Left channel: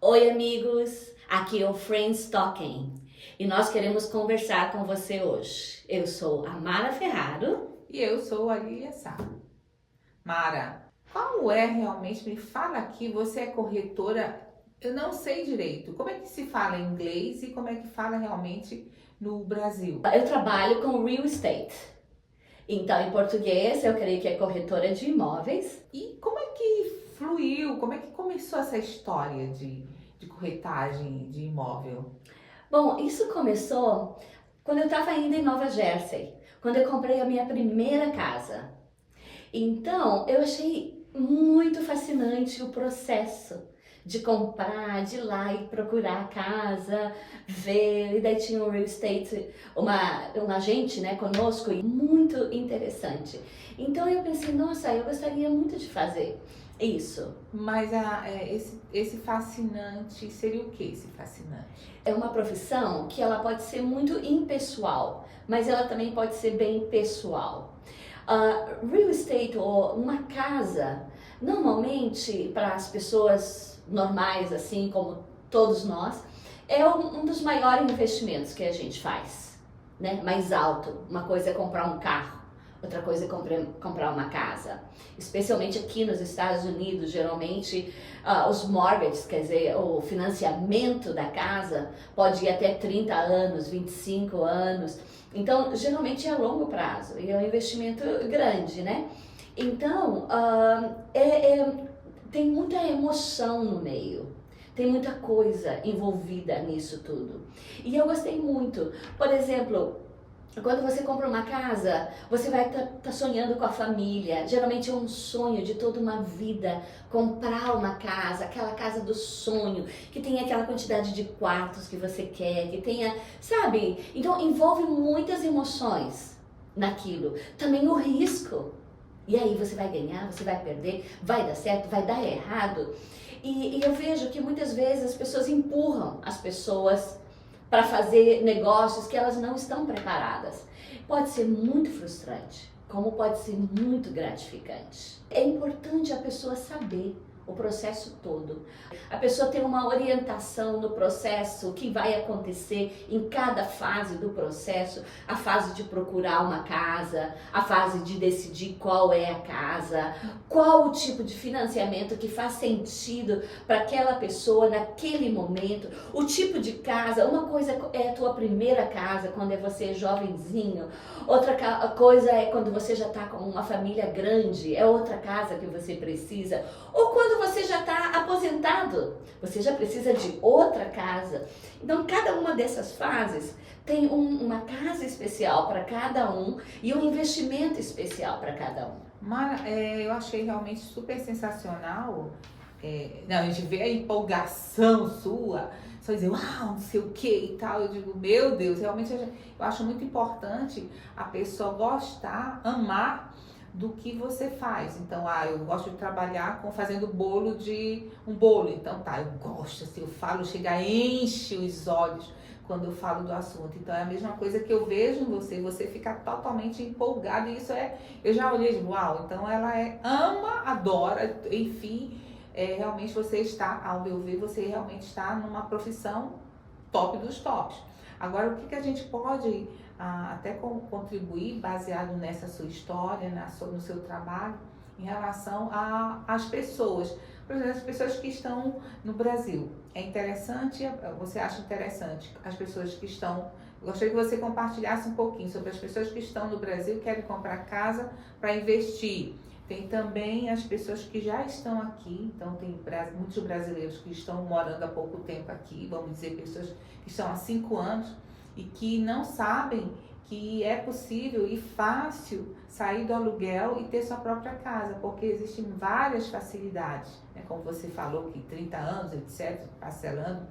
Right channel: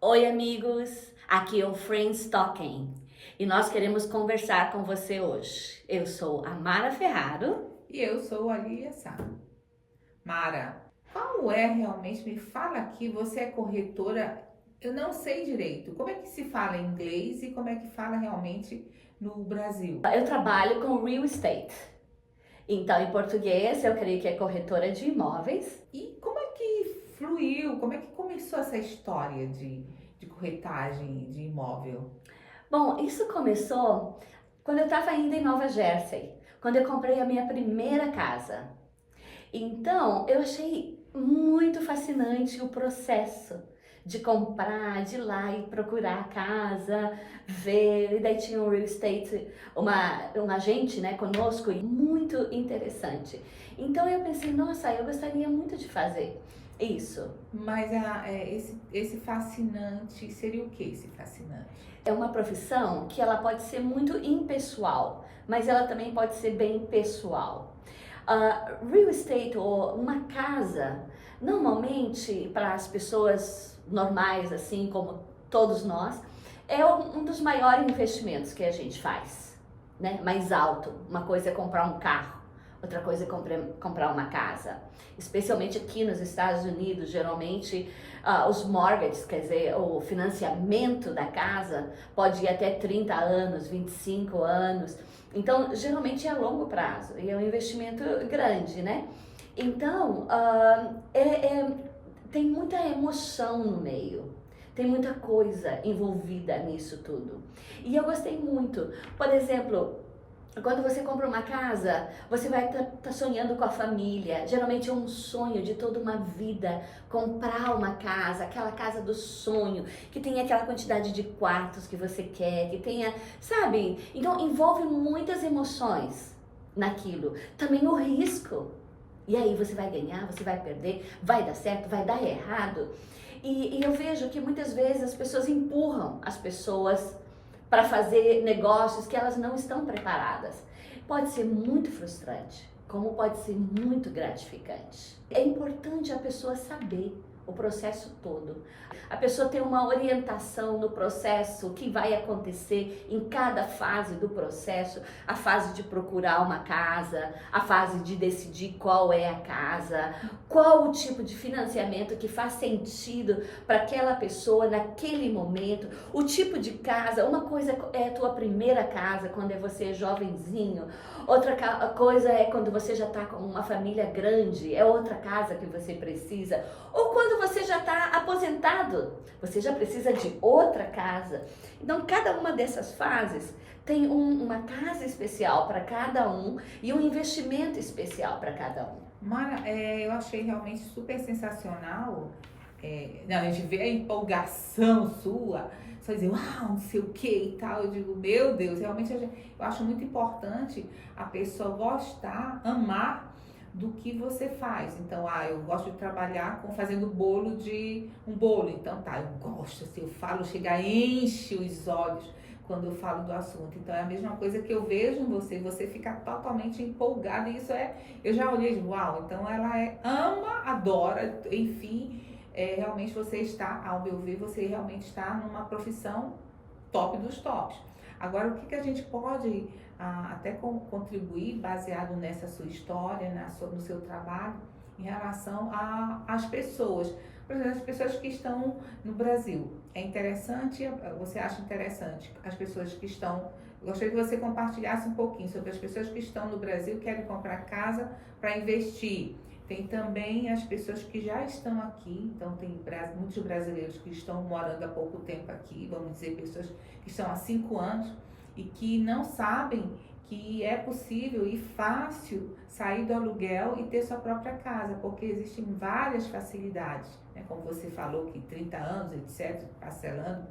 Oi, amigos! Aqui é o Friends Talking e nós queremos conversar com você hoje. Eu sou a Mara Ferraro. E eu sou a Lilia Sá. Mara, qual é realmente? Me fala aqui, você é corretora? Eu não sei direito. Como é que se fala em inglês e como é que fala realmente no Brasil? Eu trabalho com real estate. Então, em português, eu creio que é corretora de imóveis. E como é que fluiu? Como é que começou essa história de corretagem de imóvel? Bom, isso começou quando eu estava ainda em Nova Jersey, quando eu comprei a minha primeira casa. Então, eu achei muito fascinante o processo de comprar, de ir lá e procurar a casa, ver, e daí tinha um real estate, um agente, né, conosco, e muito interessante. Então eu pensei, nossa, eu gostaria muito de fazer isso. Mas esse fascinante seria o que esse fascinante? É uma profissão que ela pode ser muito impessoal, mas ela também pode ser bem pessoal. Real estate ou uma casa, normalmente para as pessoas normais, assim como todos nós, é um dos maiores investimentos que a gente faz, né? Mais alto. Uma coisa é comprar um carro, outra coisa é comprar uma casa. Especialmente aqui nos Estados Unidos, geralmente os mortgages, quer dizer, o financiamento da casa pode ir até 30 anos, 25 anos. Então, geralmente é a longo prazo e é um investimento grande, né? Então, tem muita emoção no meio, tem muita coisa envolvida nisso tudo. E eu gostei muito. Por exemplo, quando você compra uma casa, você vai estar sonhando com a família. Geralmente é um sonho de toda uma vida comprar uma casa, aquela casa do sonho, que tenha aquela quantidade de quartos que você quer, que tenha, sabe? Então envolve muitas emoções naquilo. Também o risco. E aí você vai ganhar, você vai perder, vai dar certo, vai dar errado. E eu vejo que muitas vezes as pessoas empurram as pessoas para fazer negócios que elas não estão preparadas. Pode ser muito frustrante, como pode ser muito gratificante. É importante a pessoa saber o processo todo. A pessoa ter uma orientação no processo, o que vai acontecer em cada fase do processo, a fase de procurar uma casa, a fase de decidir qual é a casa, qual o tipo de financiamento que faz sentido para aquela pessoa naquele momento, o tipo de casa. Uma coisa é a tua primeira casa, quando é você jovenzinho, outra coisa é quando você já está com uma família grande, é outra casa que você precisa, ou quando você já está aposentado, você já precisa de outra casa. Então, cada uma dessas fases tem uma casa especial para cada um e um investimento especial para cada um. Mara, eu achei realmente super sensacional. Não, a gente vê a empolgação sua, só dizer, uau, não sei o que e tal. Eu digo, meu Deus, realmente eu acho muito importante a pessoa gostar, amar do que você faz. Então, eu gosto de trabalhar fazendo um bolo. Então, tá, eu gosto, assim, eu falo, chega, enche os olhos quando eu falo do assunto. Então, é a mesma coisa que eu vejo em você fica totalmente empolgado. E isso eu já olhei de uau, então ela ama, adora, enfim, realmente você está, ao meu ver, você realmente está numa profissão top dos tops. Agora, o que a gente pode até contribuir, baseado nessa sua história, no seu trabalho, em relação às pessoas, por exemplo, as pessoas que estão no Brasil. É interessante, você acha interessante as pessoas que estão. Gostaria que você compartilhasse um pouquinho sobre as pessoas que estão no Brasil e querem comprar casa para investir. Tem também as pessoas que já estão aqui, então tem muitos brasileiros que estão morando há pouco tempo aqui, vamos dizer, pessoas que estão há 5 anos e que não sabem que é possível e fácil sair do aluguel e ter sua própria casa, porque existem várias facilidades, né? Como você falou, que 30 anos, etc., parcelando,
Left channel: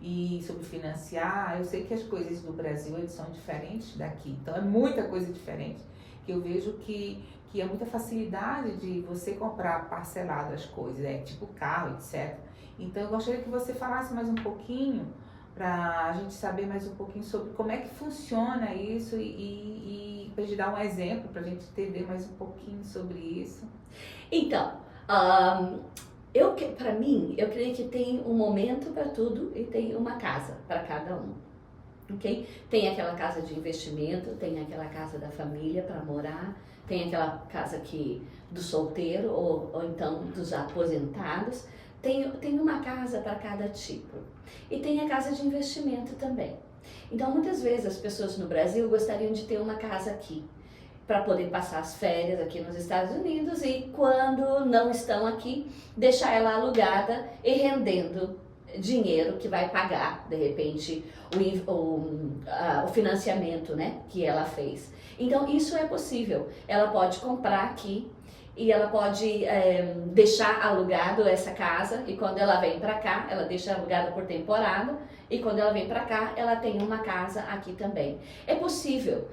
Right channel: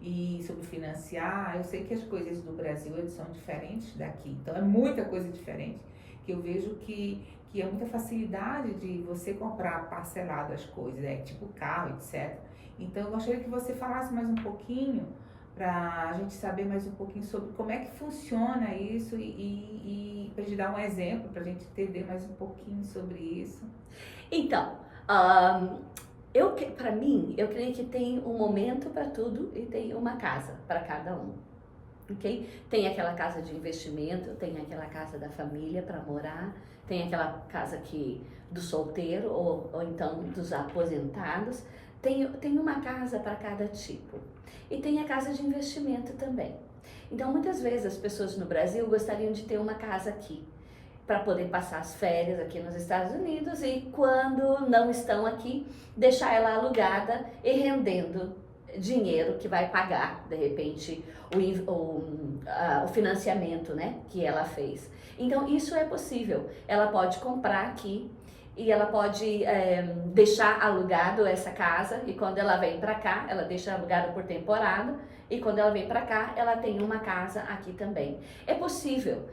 e sobre financiar. Eu sei que as coisas do Brasil eles são diferentes daqui, então é muita coisa diferente, que eu vejo que é muita facilidade de você comprar parcelado as coisas, tipo carro, etc. Então eu gostaria que você falasse mais um pouquinho para a gente saber mais um pouquinho sobre como é que funciona isso e para gente dar um exemplo, para a gente entender mais um pouquinho sobre isso. Então, Para mim, eu creio que tem um momento para tudo e tem uma casa para cada um. Ok? Tem aquela casa de investimento, tem aquela casa da família para morar, tem aquela casa do solteiro ou então dos aposentados. Tem uma casa para cada tipo. E tem a casa de investimento também. Então, muitas vezes as pessoas no Brasil gostariam de ter uma casa aqui, para poder passar as férias aqui nos Estados Unidos e quando não estão aqui, deixar ela alugada e rendendo dinheiro que vai pagar, de repente, o financiamento, né, que ela fez. Então, isso é possível. Ela pode comprar aqui e ela pode deixar alugado essa casa e quando ela vem para cá, ela deixa alugada por temporada e quando ela vem para cá, ela tem uma casa aqui também. É possível.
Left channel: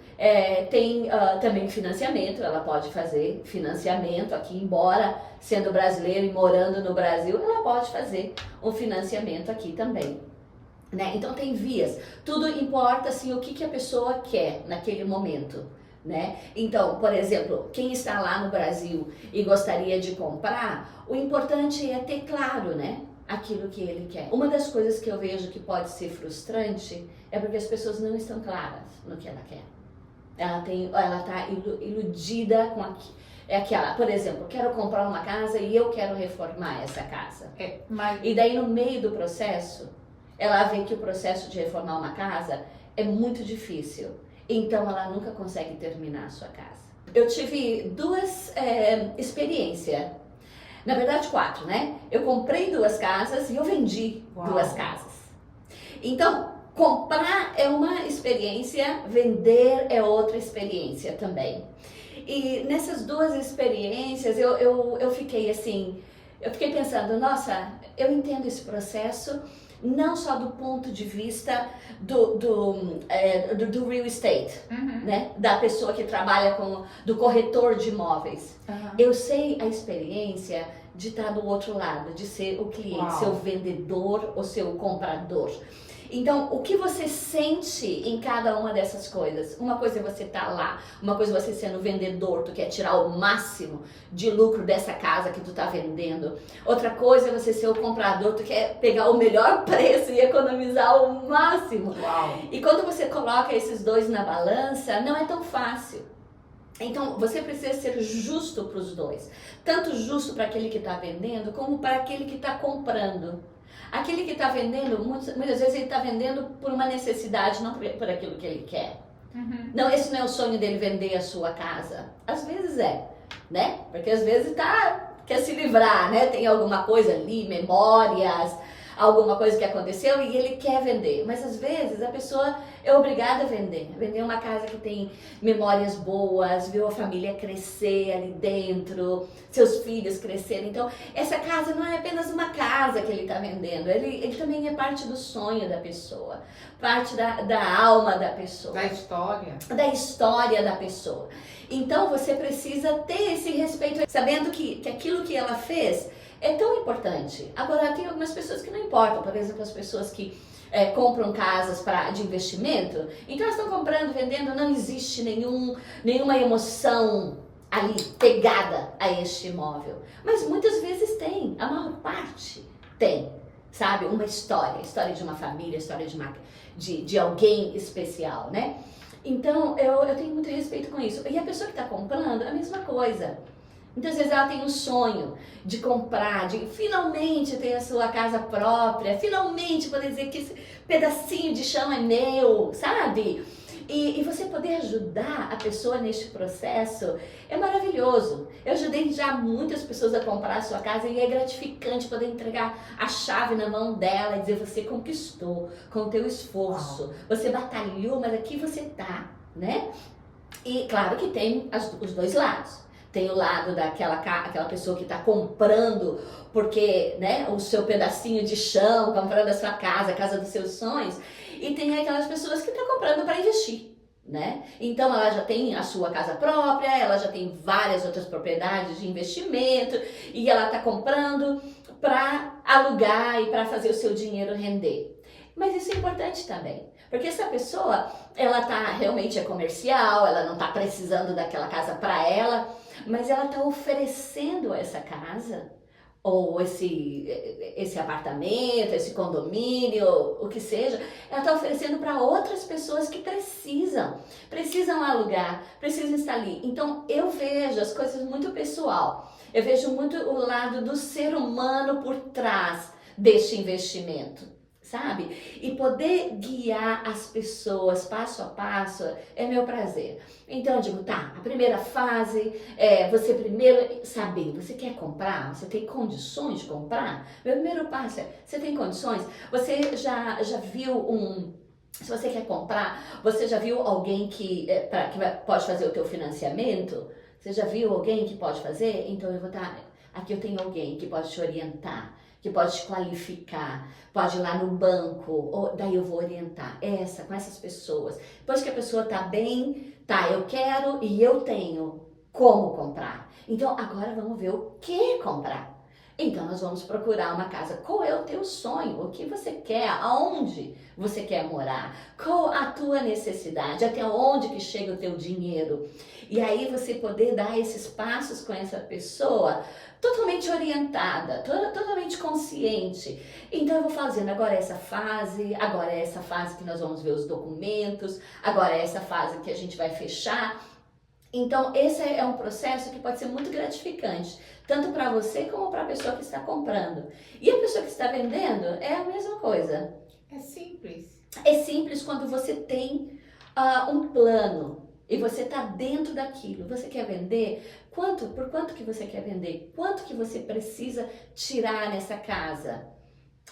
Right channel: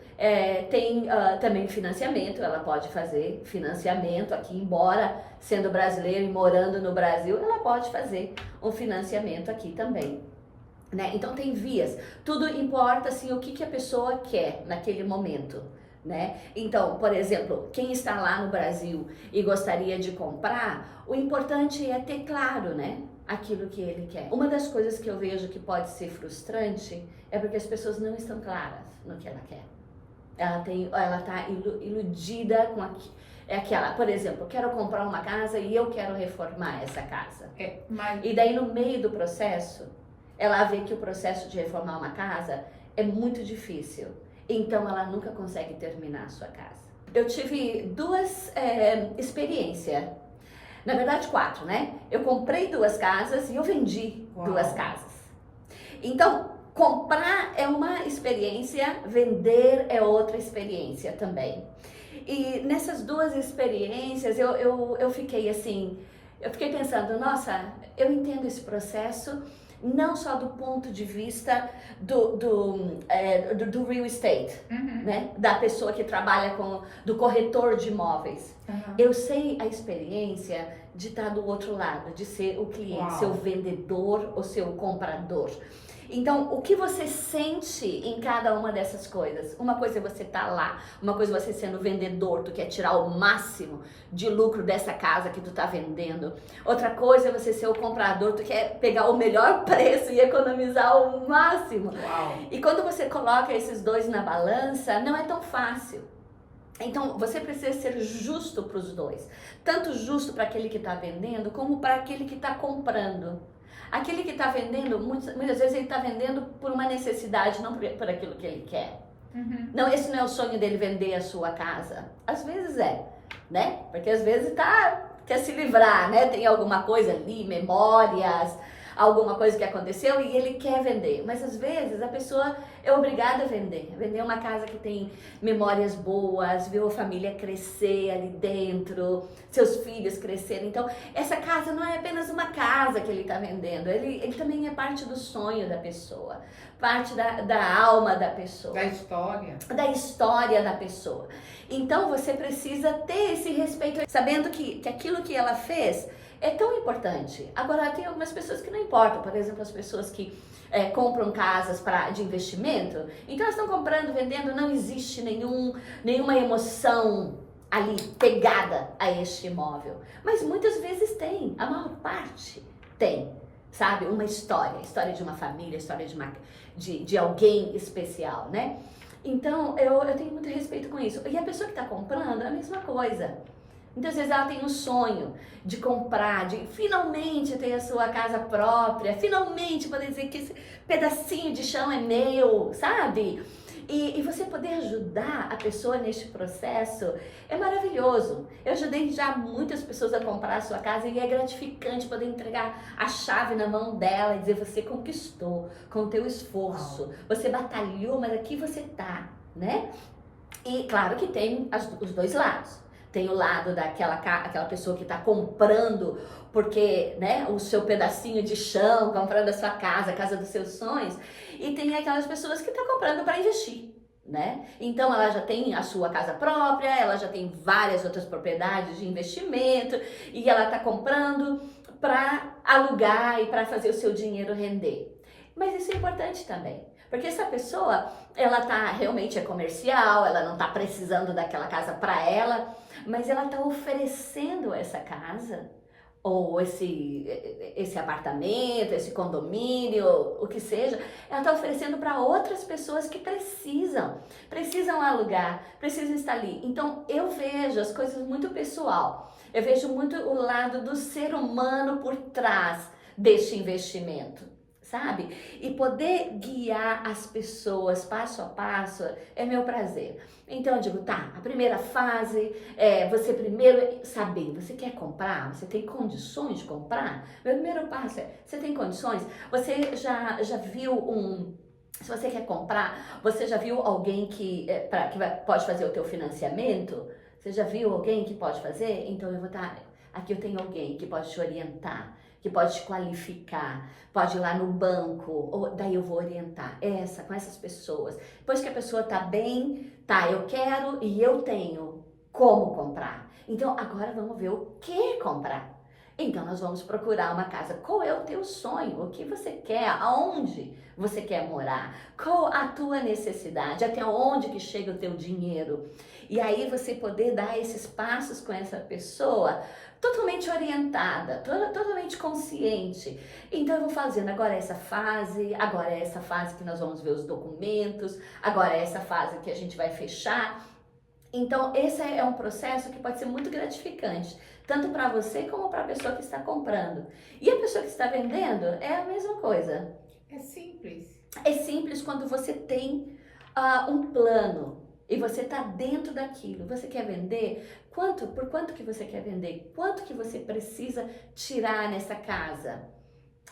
Tem também financiamento, ela pode fazer financiamento aqui, embora sendo brasileira e morando no Brasil, ela pode fazer um financiamento aqui também. Né? Então tem vias, tudo importa assim, o que a pessoa quer naquele momento. Né? Então, por exemplo, quem está lá no Brasil e gostaria de comprar, o importante é ter claro, né, aquilo que ele quer. Uma das coisas que eu vejo que pode ser frustrante é porque as pessoas não estão claras no que ela quer. Ela está iludida com aquela, por exemplo, eu quero comprar uma casa e eu quero reformar essa casa. E daí no meio do processo, ela vê que o processo de reformar uma casa é muito difícil. Então ela nunca consegue terminar a sua casa. Eu tive duas experiências, na verdade 4, né? Eu comprei 2 casas e eu vendi 2 casas. Então, comprar é uma experiência, vender é outra experiência também. E nessas 2 experiências eu fiquei assim, eu fiquei pensando, nossa, eu entendo esse processo, não só do ponto de vista do real estate, né? Da pessoa que trabalha do corretor de imóveis. Eu sei a experiência de estar do outro lado, de ser o cliente, ser o vendedor ou ser o comprador. Então, o que você sente em cada uma dessas coisas? Uma coisa é você estar lá, uma coisa é você sendo vendedor, tu quer tirar o máximo de lucro dessa casa que tu tá vendendo. Outra coisa é você ser o comprador, tu quer pegar o melhor preço e economizar o máximo. E quando você coloca esses dois na balança, não é tão fácil. Então, você precisa ser justo para os dois. Tanto justo para aquele que está vendendo, como para aquele que está comprando. Aquele que está vendendo, muitas vezes ele está vendendo por uma necessidade, não por aquilo que ele quer. Não, esse não é o sonho dele, vender a sua casa. Às vezes é, né? Porque às vezes quer se livrar, né? Tem alguma coisa ali, memórias, alguma coisa que aconteceu e ele quer vender. Mas às vezes a pessoa é obrigada a vender. Vender uma casa que tem memórias boas, ver a família crescer ali dentro, seus filhos crescerem. Então, essa casa não é apenas uma casa que ele está vendendo. Ele também é parte do sonho da pessoa, parte da alma da pessoa. Da história. Da história da pessoa. Então, você precisa ter esse respeito, sabendo que aquilo que ela fez é tão importante. Agora, tem algumas pessoas que não importam. Por exemplo, as pessoas que compram casas de investimento. Então, elas estão comprando, vendendo, não existe nenhuma emoção ali pegada a este imóvel. Mas muitas vezes tem, a maior parte tem, sabe? Uma história de uma família, história de alguém especial, né? Então, eu tenho muito respeito com isso. E a pessoa que está comprando, a mesma coisa. Muitas vezes ela tem um sonho de comprar, de finalmente ter a sua casa própria, finalmente poder dizer que esse pedacinho de chão é meu, sabe? E você poder ajudar a pessoa neste processo é maravilhoso. Eu ajudei já muitas pessoas a comprar a sua casa e é gratificante poder entregar a chave na mão dela e dizer: você conquistou com o teu esforço, você batalhou, mas aqui você tá, né? E claro que tem os dois lados. Tem o lado aquela pessoa que está comprando porque, né, o seu pedacinho de chão, comprando a sua casa, a casa dos seus sonhos. E tem aquelas pessoas que estão comprando para investir, né? Então ela já tem a sua casa própria, ela já tem várias outras propriedades de investimento e ela está comprando para alugar e para fazer o seu dinheiro render. Mas isso é importante também. Porque essa pessoa, ela realmente é comercial, ela não está precisando daquela casa para ela, mas ela está oferecendo essa casa ou esse apartamento, esse condomínio, o que seja, ela está oferecendo para outras pessoas que precisam alugar, precisam estar ali. Então eu vejo as coisas muito pessoal, eu vejo muito o lado do ser humano por trás deste investimento, sabe? E poder guiar as pessoas passo a passo é meu prazer. Então eu digo, tá, a primeira fase é você primeiro saber, você quer comprar? Você tem condições de comprar? Meu primeiro passo é, você tem condições? Você já viu se você quer comprar, você já viu alguém pode fazer o teu financiamento? Você já viu alguém que pode fazer? Então eu vou estar, aqui eu tenho alguém que pode te orientar, que pode te qualificar, pode ir lá no banco, ou daí eu vou orientar com essas pessoas. Depois que a pessoa tá bem, tá, eu quero e eu tenho como comprar. Então agora vamos ver o que comprar. Então nós vamos procurar uma casa. Qual é o teu sonho? O que você quer? Aonde você quer morar? Qual a tua necessidade? Até onde que chega o teu dinheiro? E aí você poder dar esses passos com essa pessoa totalmente orientada, totalmente consciente. Então eu vou fazendo agora essa fase que nós vamos ver os documentos, agora é essa fase que a gente vai fechar. Então esse é um processo que pode ser muito gratificante, tanto para você como para a pessoa que está comprando. E a pessoa que está vendendo é a mesma coisa. É simples. É simples quando você tem um plano e você está dentro daquilo. Você quer vender? Por quanto que você quer vender? Quanto que você precisa tirar nessa casa?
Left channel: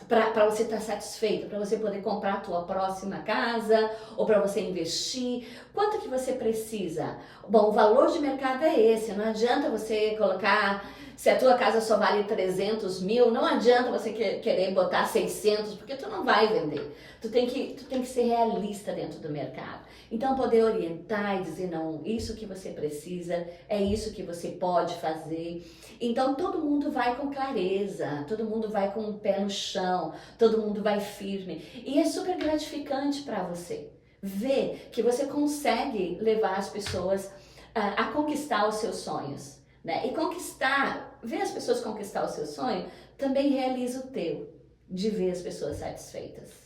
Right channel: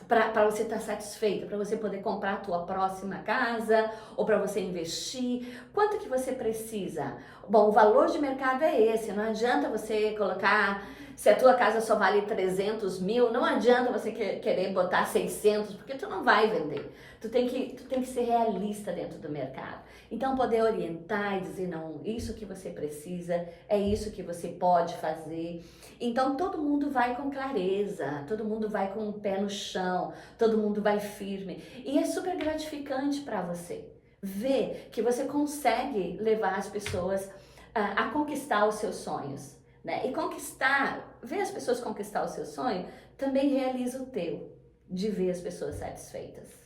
Para você estar satisfeito, para você poder comprar a tua próxima casa ou para você investir, quanto que você precisa? Bom, o valor de mercado é esse, não adianta você colocar, se a tua casa só vale 300 mil, não adianta você querer botar 600, porque tu não vai vender. Tu tem que ser realista dentro do mercado. Então, poder orientar e dizer, não, isso que você precisa, é isso que você pode fazer. Então, todo mundo vai com clareza, todo mundo vai com o pé no chão, todo mundo vai firme. E é super gratificante para você ver que você consegue levar as pessoas a conquistar os seus sonhos, né? E ver as pessoas conquistar o seu sonho, também realiza o teu, de ver as pessoas satisfeitas.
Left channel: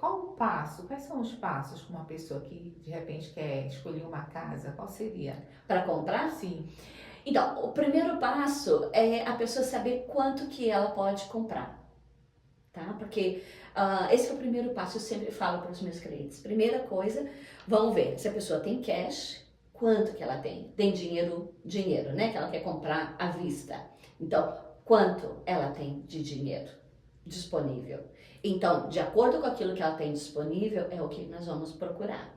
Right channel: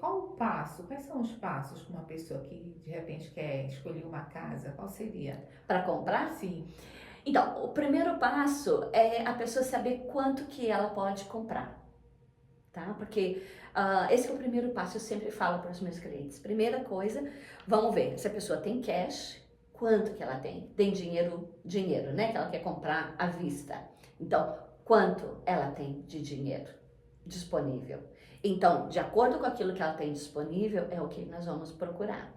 Qual o passo? Quais são os passos para uma pessoa que de repente quer escolher uma casa? Qual seria? Para comprar? Sim. Então, o primeiro passo é a pessoa saber quanto que ela pode comprar, tá? Porque esse é o primeiro passo, eu sempre falo para os meus clientes. Primeira coisa, vamos ver se a pessoa tem cash, quanto que ela tem. Tem dinheiro, né? Que ela quer comprar à vista. Então, quanto ela tem de dinheiro disponível? Então, de acordo com aquilo que ela tem disponível, é o que nós vamos procurar.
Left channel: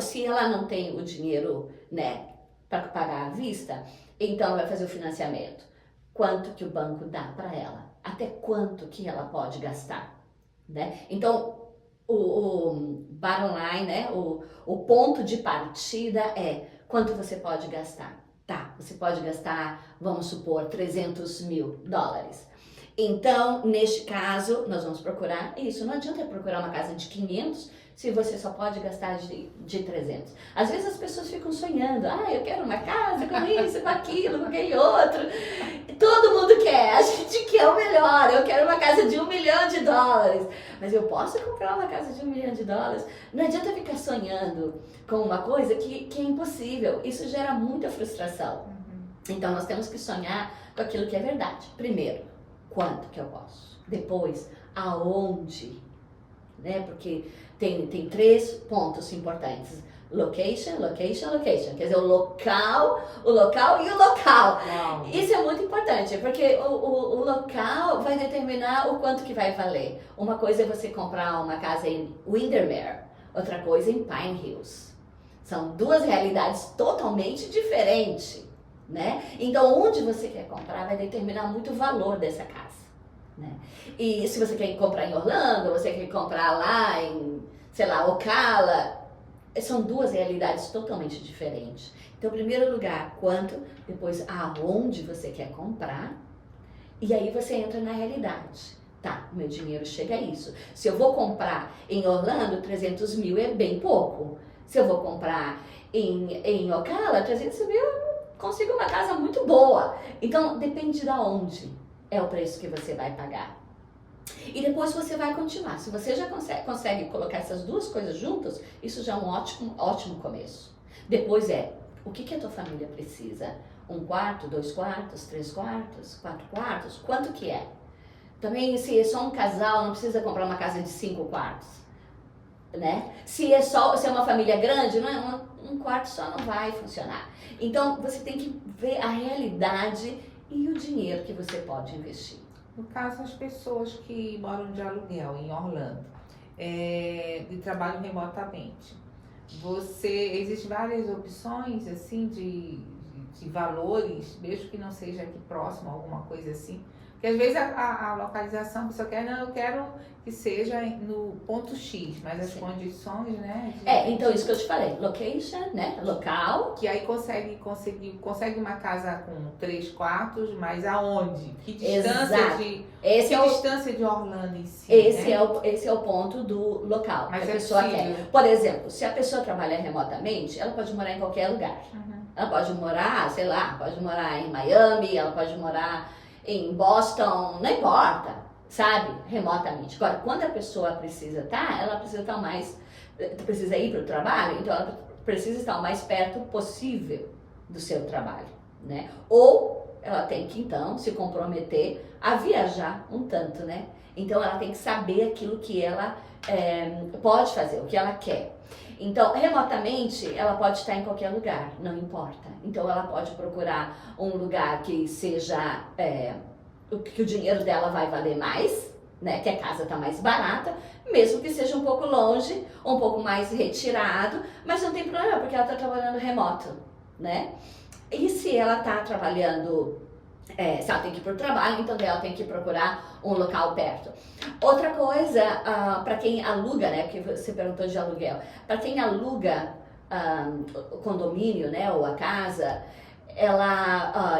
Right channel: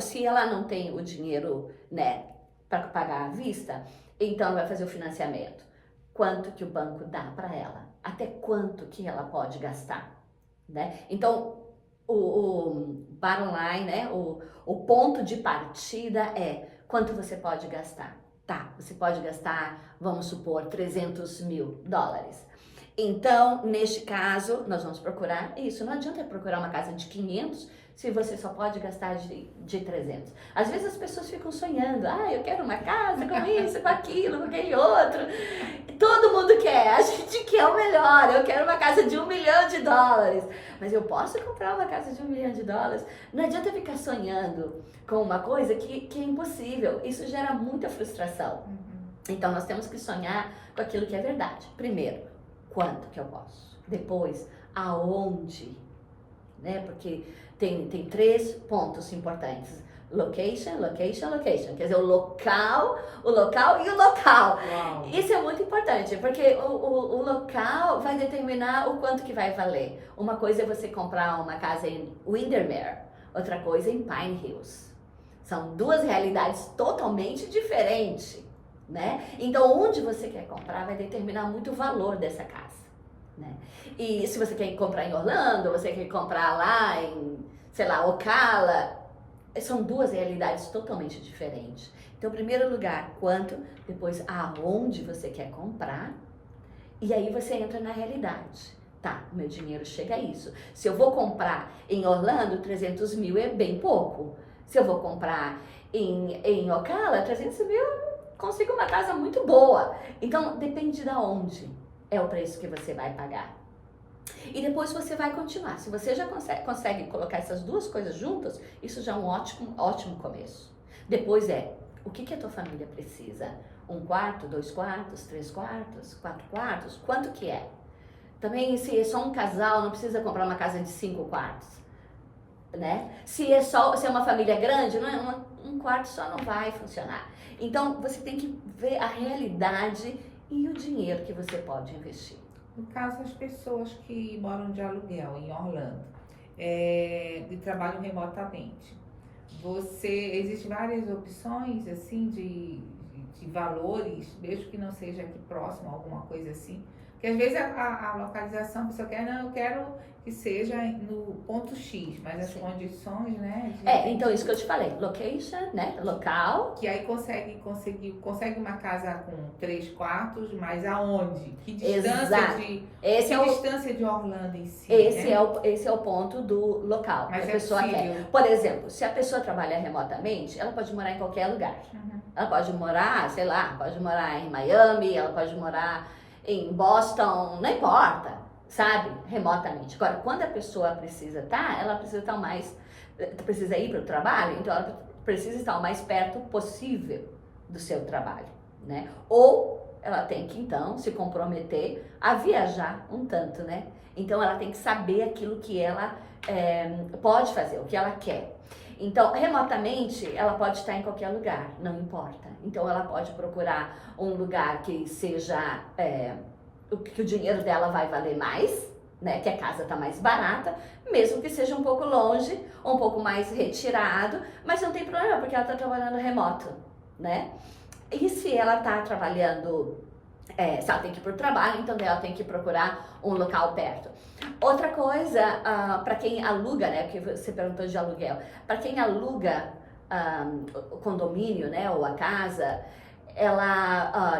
Se ela não tem o dinheiro, né, para pagar à vista, então ela vai fazer o financiamento. Quanto que o banco dá para ela? Até quanto que ela pode gastar, né? Então, o bottom line, né, o ponto de partida é quanto você pode gastar. Tá, você pode gastar, vamos supor, 300 mil dólares. Então, neste caso, nós vamos procurar isso. Não adianta procurar uma casa de 500 se você só pode gastar de 300. Às vezes as pessoas ficam sonhando, eu quero uma casa com isso, com aquilo, com aquele outro. Todo mundo quer, a gente quer o melhor, eu quero uma casa de $1 milhão. Mas eu posso comprar uma casa de $1 milhão? Não adianta ficar sonhando com uma coisa que é impossível, isso gera muita frustração. Então nós temos que sonhar com aquilo que é verdade. Primeiro, quanto que eu posso? Depois, aonde? Né? Porque tem 3 pontos importantes. Location. Quer dizer, o local e o local. Uau. Isso é muito importante, porque o local vai determinar o quanto que vai valer. Uma coisa é você comprar uma casa em Windermere, outra coisa em Pine Hills. São 2 realidades totalmente diferentes, né? Então, onde você quer comprar vai determinar muito o valor dessa casa, né? E se você quer comprar em Orlando, você quer comprar lá em, sei lá, Ocala, são 2 realidades totalmente diferentes. Então, em primeiro lugar, quanto, depois aonde você quer comprar, e aí você entra na realidade. Tá, meu dinheiro chega a isso. Se eu vou comprar em Orlando, 300 mil é bem pouco. Se eu vou comprar em Ocala, 300 mil consiga uma casa muito boa. Então, depende de onde é o preço que você vai pagar. E depois você vai continuar. Se você já consegue colocar essas duas coisas juntas, isso já é um ótimo começo. Depois o que a tua família precisa? 1 quarto, 2 quartos, 3 quartos, 4 quartos? Quanto que é? Também, se é só um casal, não precisa comprar uma casa de 5 quartos, né? Se é uma família grande, não é um quarto só não vai funcionar. Então, você tem que ver a realidade e o dinheiro que você pode investir. No caso, as pessoas que moram de aluguel em Orlando, de trabalho remotamente, existem várias opções assim de valores, mesmo que não seja aqui próximo, alguma coisa assim. Porque às vezes a localização, a pessoa quer, não, eu quero que seja no ponto X, mas as condições, né? Então isso que eu te falei, location, né? Local. Que aí consegue uma casa com 3 quartos, mas aonde? Que distância distância de Orlando em si? Esse é o ponto do local mas que a pessoa quer. Por exemplo, se a pessoa trabalha remotamente, ela pode morar em qualquer lugar. Uhum. Ela pode morar, sei lá, pode morar em Miami, ela pode morar em Boston, não importa, sabe? Remotamente. Agora, quando a pessoa precisa precisa ir para o trabalho, então ela precisa estar o mais perto possível do seu trabalho, né? Ou ela tem que, então, se comprometer a viajar um tanto, né? Então, ela tem que saber aquilo que ela pode fazer, o que ela quer. Então, remotamente, ela pode estar em qualquer lugar, não importa. Então, ela pode procurar um lugar que seja, que o dinheiro dela vai valer mais, né? Que a casa está mais barata, mesmo que seja um pouco longe, um pouco mais retirado, mas não tem problema, porque ela está trabalhando remoto, né? E se ela está trabalhando, se ela tem que ir para o trabalho, então ela tem que procurar um local perto. Outra coisa, para quem aluga, né, porque você perguntou de aluguel, para quem aluga o condomínio, né, ou a casa,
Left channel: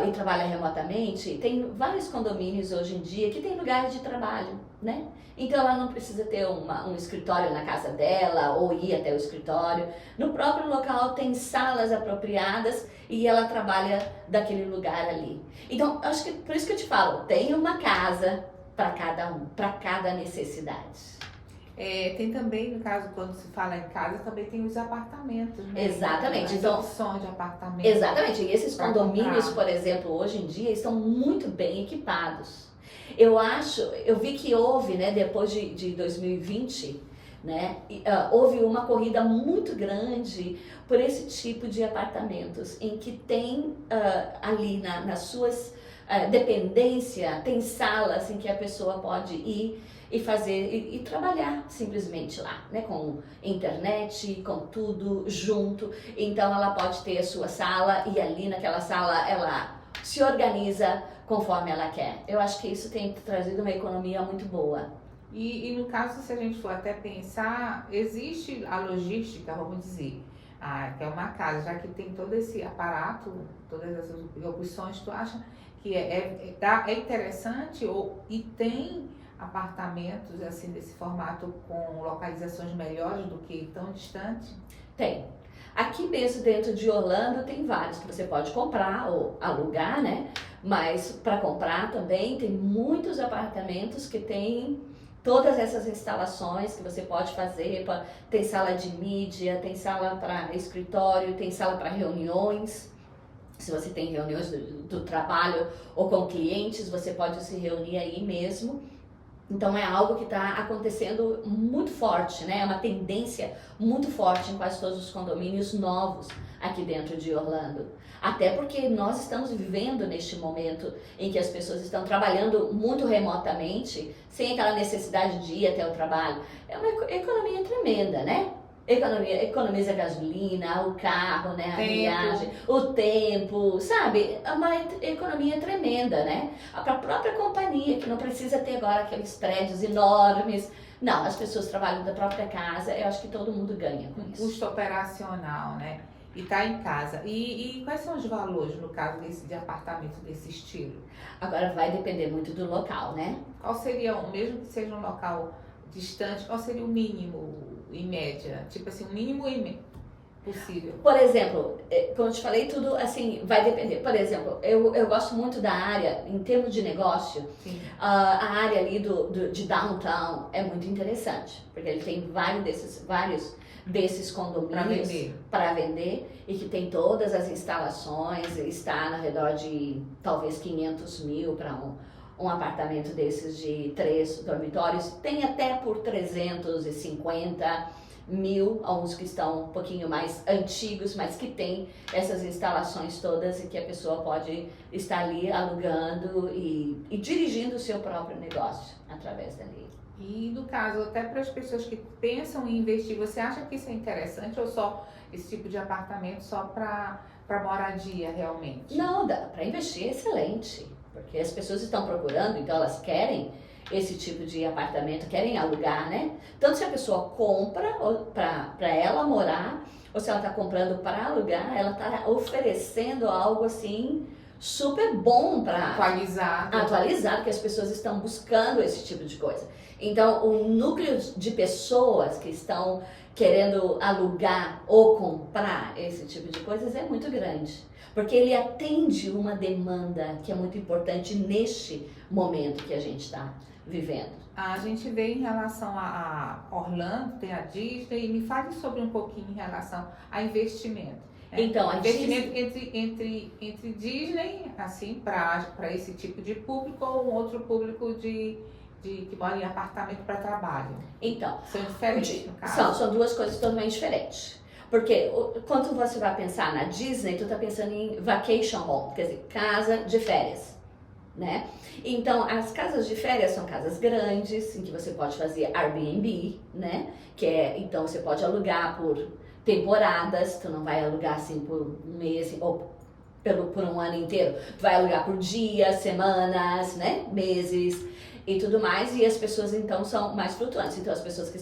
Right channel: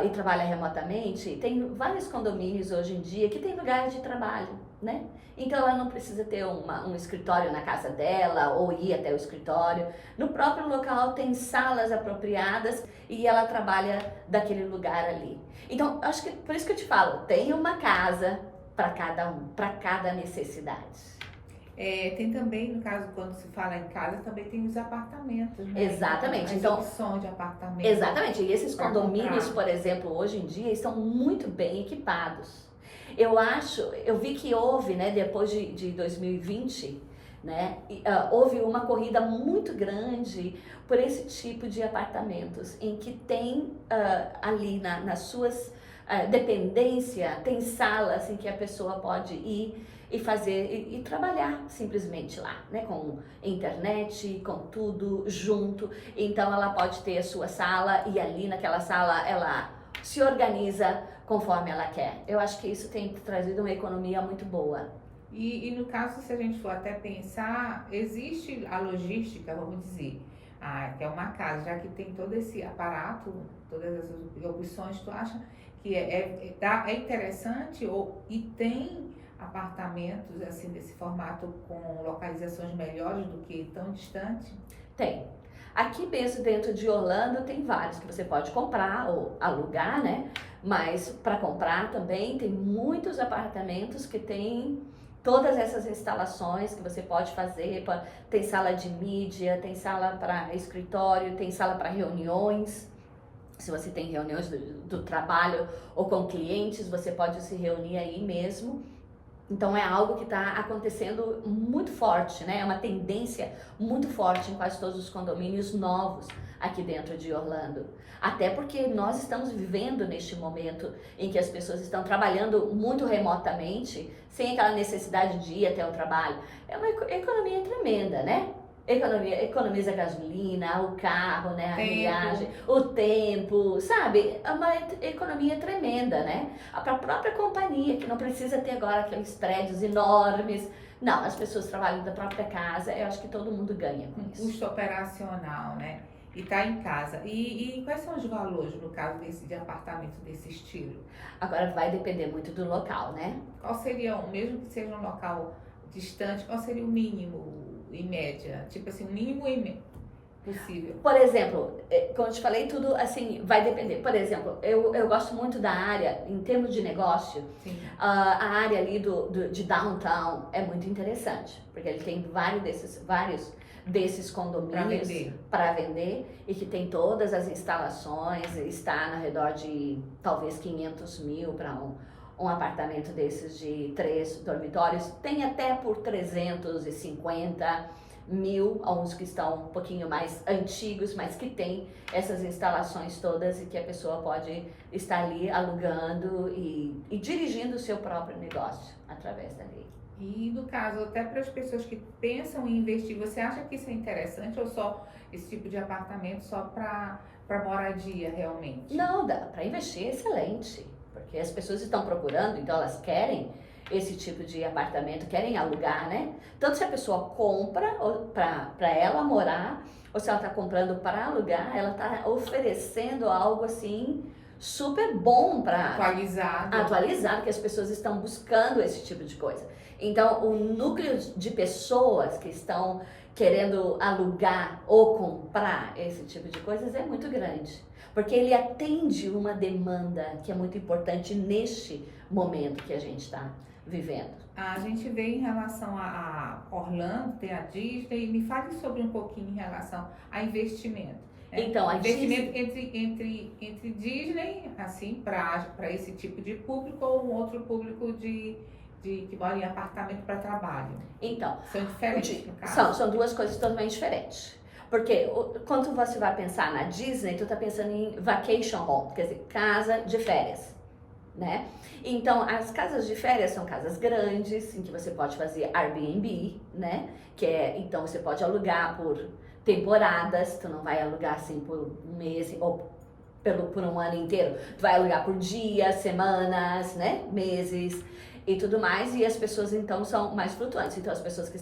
e trabalha remotamente, tem vários condomínios hoje em dia que tem lugar de trabalho, né? Então ela não precisa ter um escritório na casa dela ou ir até o escritório. No próprio local tem salas apropriadas e ela trabalha daquele lugar ali. Então, acho que por isso que eu te falo, tem uma casa para cada um, para cada necessidade. Tem também, no caso, quando se fala em casa, também tem os apartamentos, né? Exatamente. As opções de apartamentos. Exatamente. E esses condomínios, por exemplo, hoje em dia, estão muito bem equipados. Eu vi que houve, né, depois de 2020, né, houve uma corrida muito grande por esse tipo de apartamentos, em que tem ali nas suas dependência, tem salas em que a pessoa pode ir e fazer e trabalhar simplesmente lá, né, com internet, com tudo junto. Então ela pode ter a sua sala e ali naquela sala ela se organiza conforme ela quer. Eu acho que isso tem trazido uma economia muito boa. E no caso, se a gente for até pensar, existe a logística, vamos dizer, que é uma casa, já que tem todo esse aparato, todas essas opções, tu acha que é interessante e tem apartamentos assim desse formato com localizações melhores do que tão distante? Tem. Aqui mesmo dentro de Orlando tem vários que você pode comprar ou alugar, né? Mas para comprar também tem muitos apartamentos que tem todas essas instalações que você pode fazer. Tem sala de mídia, tem sala para escritório, tem sala para reuniões. Se você tem reuniões do trabalho ou com clientes, você pode se reunir aí mesmo. Então é algo que está acontecendo muito forte, né? É uma tendência muito forte em quase todos os condomínios novos aqui dentro de Orlando. Até porque nós estamos vivendo neste momento em que as pessoas estão trabalhando muito remotamente, sem aquela necessidade de ir até o trabalho. É uma economia tremenda, né? Economiza gasolina, o carro, né, a viagem, o tempo, sabe? É uma economia tremenda, né? Para a própria companhia, que não precisa ter agora aqueles prédios enormes. Não, as pessoas trabalham da própria casa, eu acho que todo mundo ganha com isso. Custo operacional, né? E tá em casa. E quais são os valores, no caso de apartamento desse estilo? Agora vai depender muito do local, né? Qual seria, mesmo que seja um local distante, qual seria o mínimo em média? Tipo assim, o mínimo possível. Por exemplo, como eu te falei, tudo assim vai depender. Por exemplo, eu gosto muito da área, em termos de negócio, Sim. a área ali de downtown é muito interessante, porque ele tem vários desses condomínios para vender e que tem todas as instalações, está no redor de talvez 500 mil para um apartamento desses de 3 dormitórios, tem até por 350 mil, alguns que estão um pouquinho mais antigos, mas que tem essas instalações todas e que a pessoa pode estar ali alugando e dirigindo o seu próprio negócio através dali. E no caso, até para as pessoas que pensam em investir, você acha que isso é interessante ou só esse tipo de apartamento só para moradia realmente? Não, dá para investir, é excelente, porque as pessoas estão procurando, então elas querem esse tipo de apartamento, querem alugar, né? Tanto se a pessoa compra para ela morar, ou se ela está comprando para alugar, ela está oferecendo algo assim super bom para atualizado, que as pessoas estão buscando esse tipo de coisa. Então, o núcleo de pessoas que estão querendo alugar ou comprar esse tipo de coisas é muito grande, porque ele atende uma demanda que é muito importante neste momento que a gente está vivendo. A gente vê em relação a Orlando, tem a Disney, e me fale sobre um pouquinho em relação a investimento. Então, a investimento entre Disney, assim, para esse tipo de público ou um outro público que mora em apartamento para trabalho. Então, são diferentes, no caso. São duas coisas totalmente diferentes. Porque quando você vai pensar na Disney, tu tá pensando em vacation home, quer dizer, casa de férias, né? Então, as casas de férias são casas grandes, em que você pode fazer Airbnb, né? Então, você pode alugar por temporadas, tu não vai alugar assim por um mês ou por um ano inteiro. Tu vai alugar por dias, semanas, né? Meses e tudo mais. E as pessoas, então, são mais flutuantes. Então, as pessoas que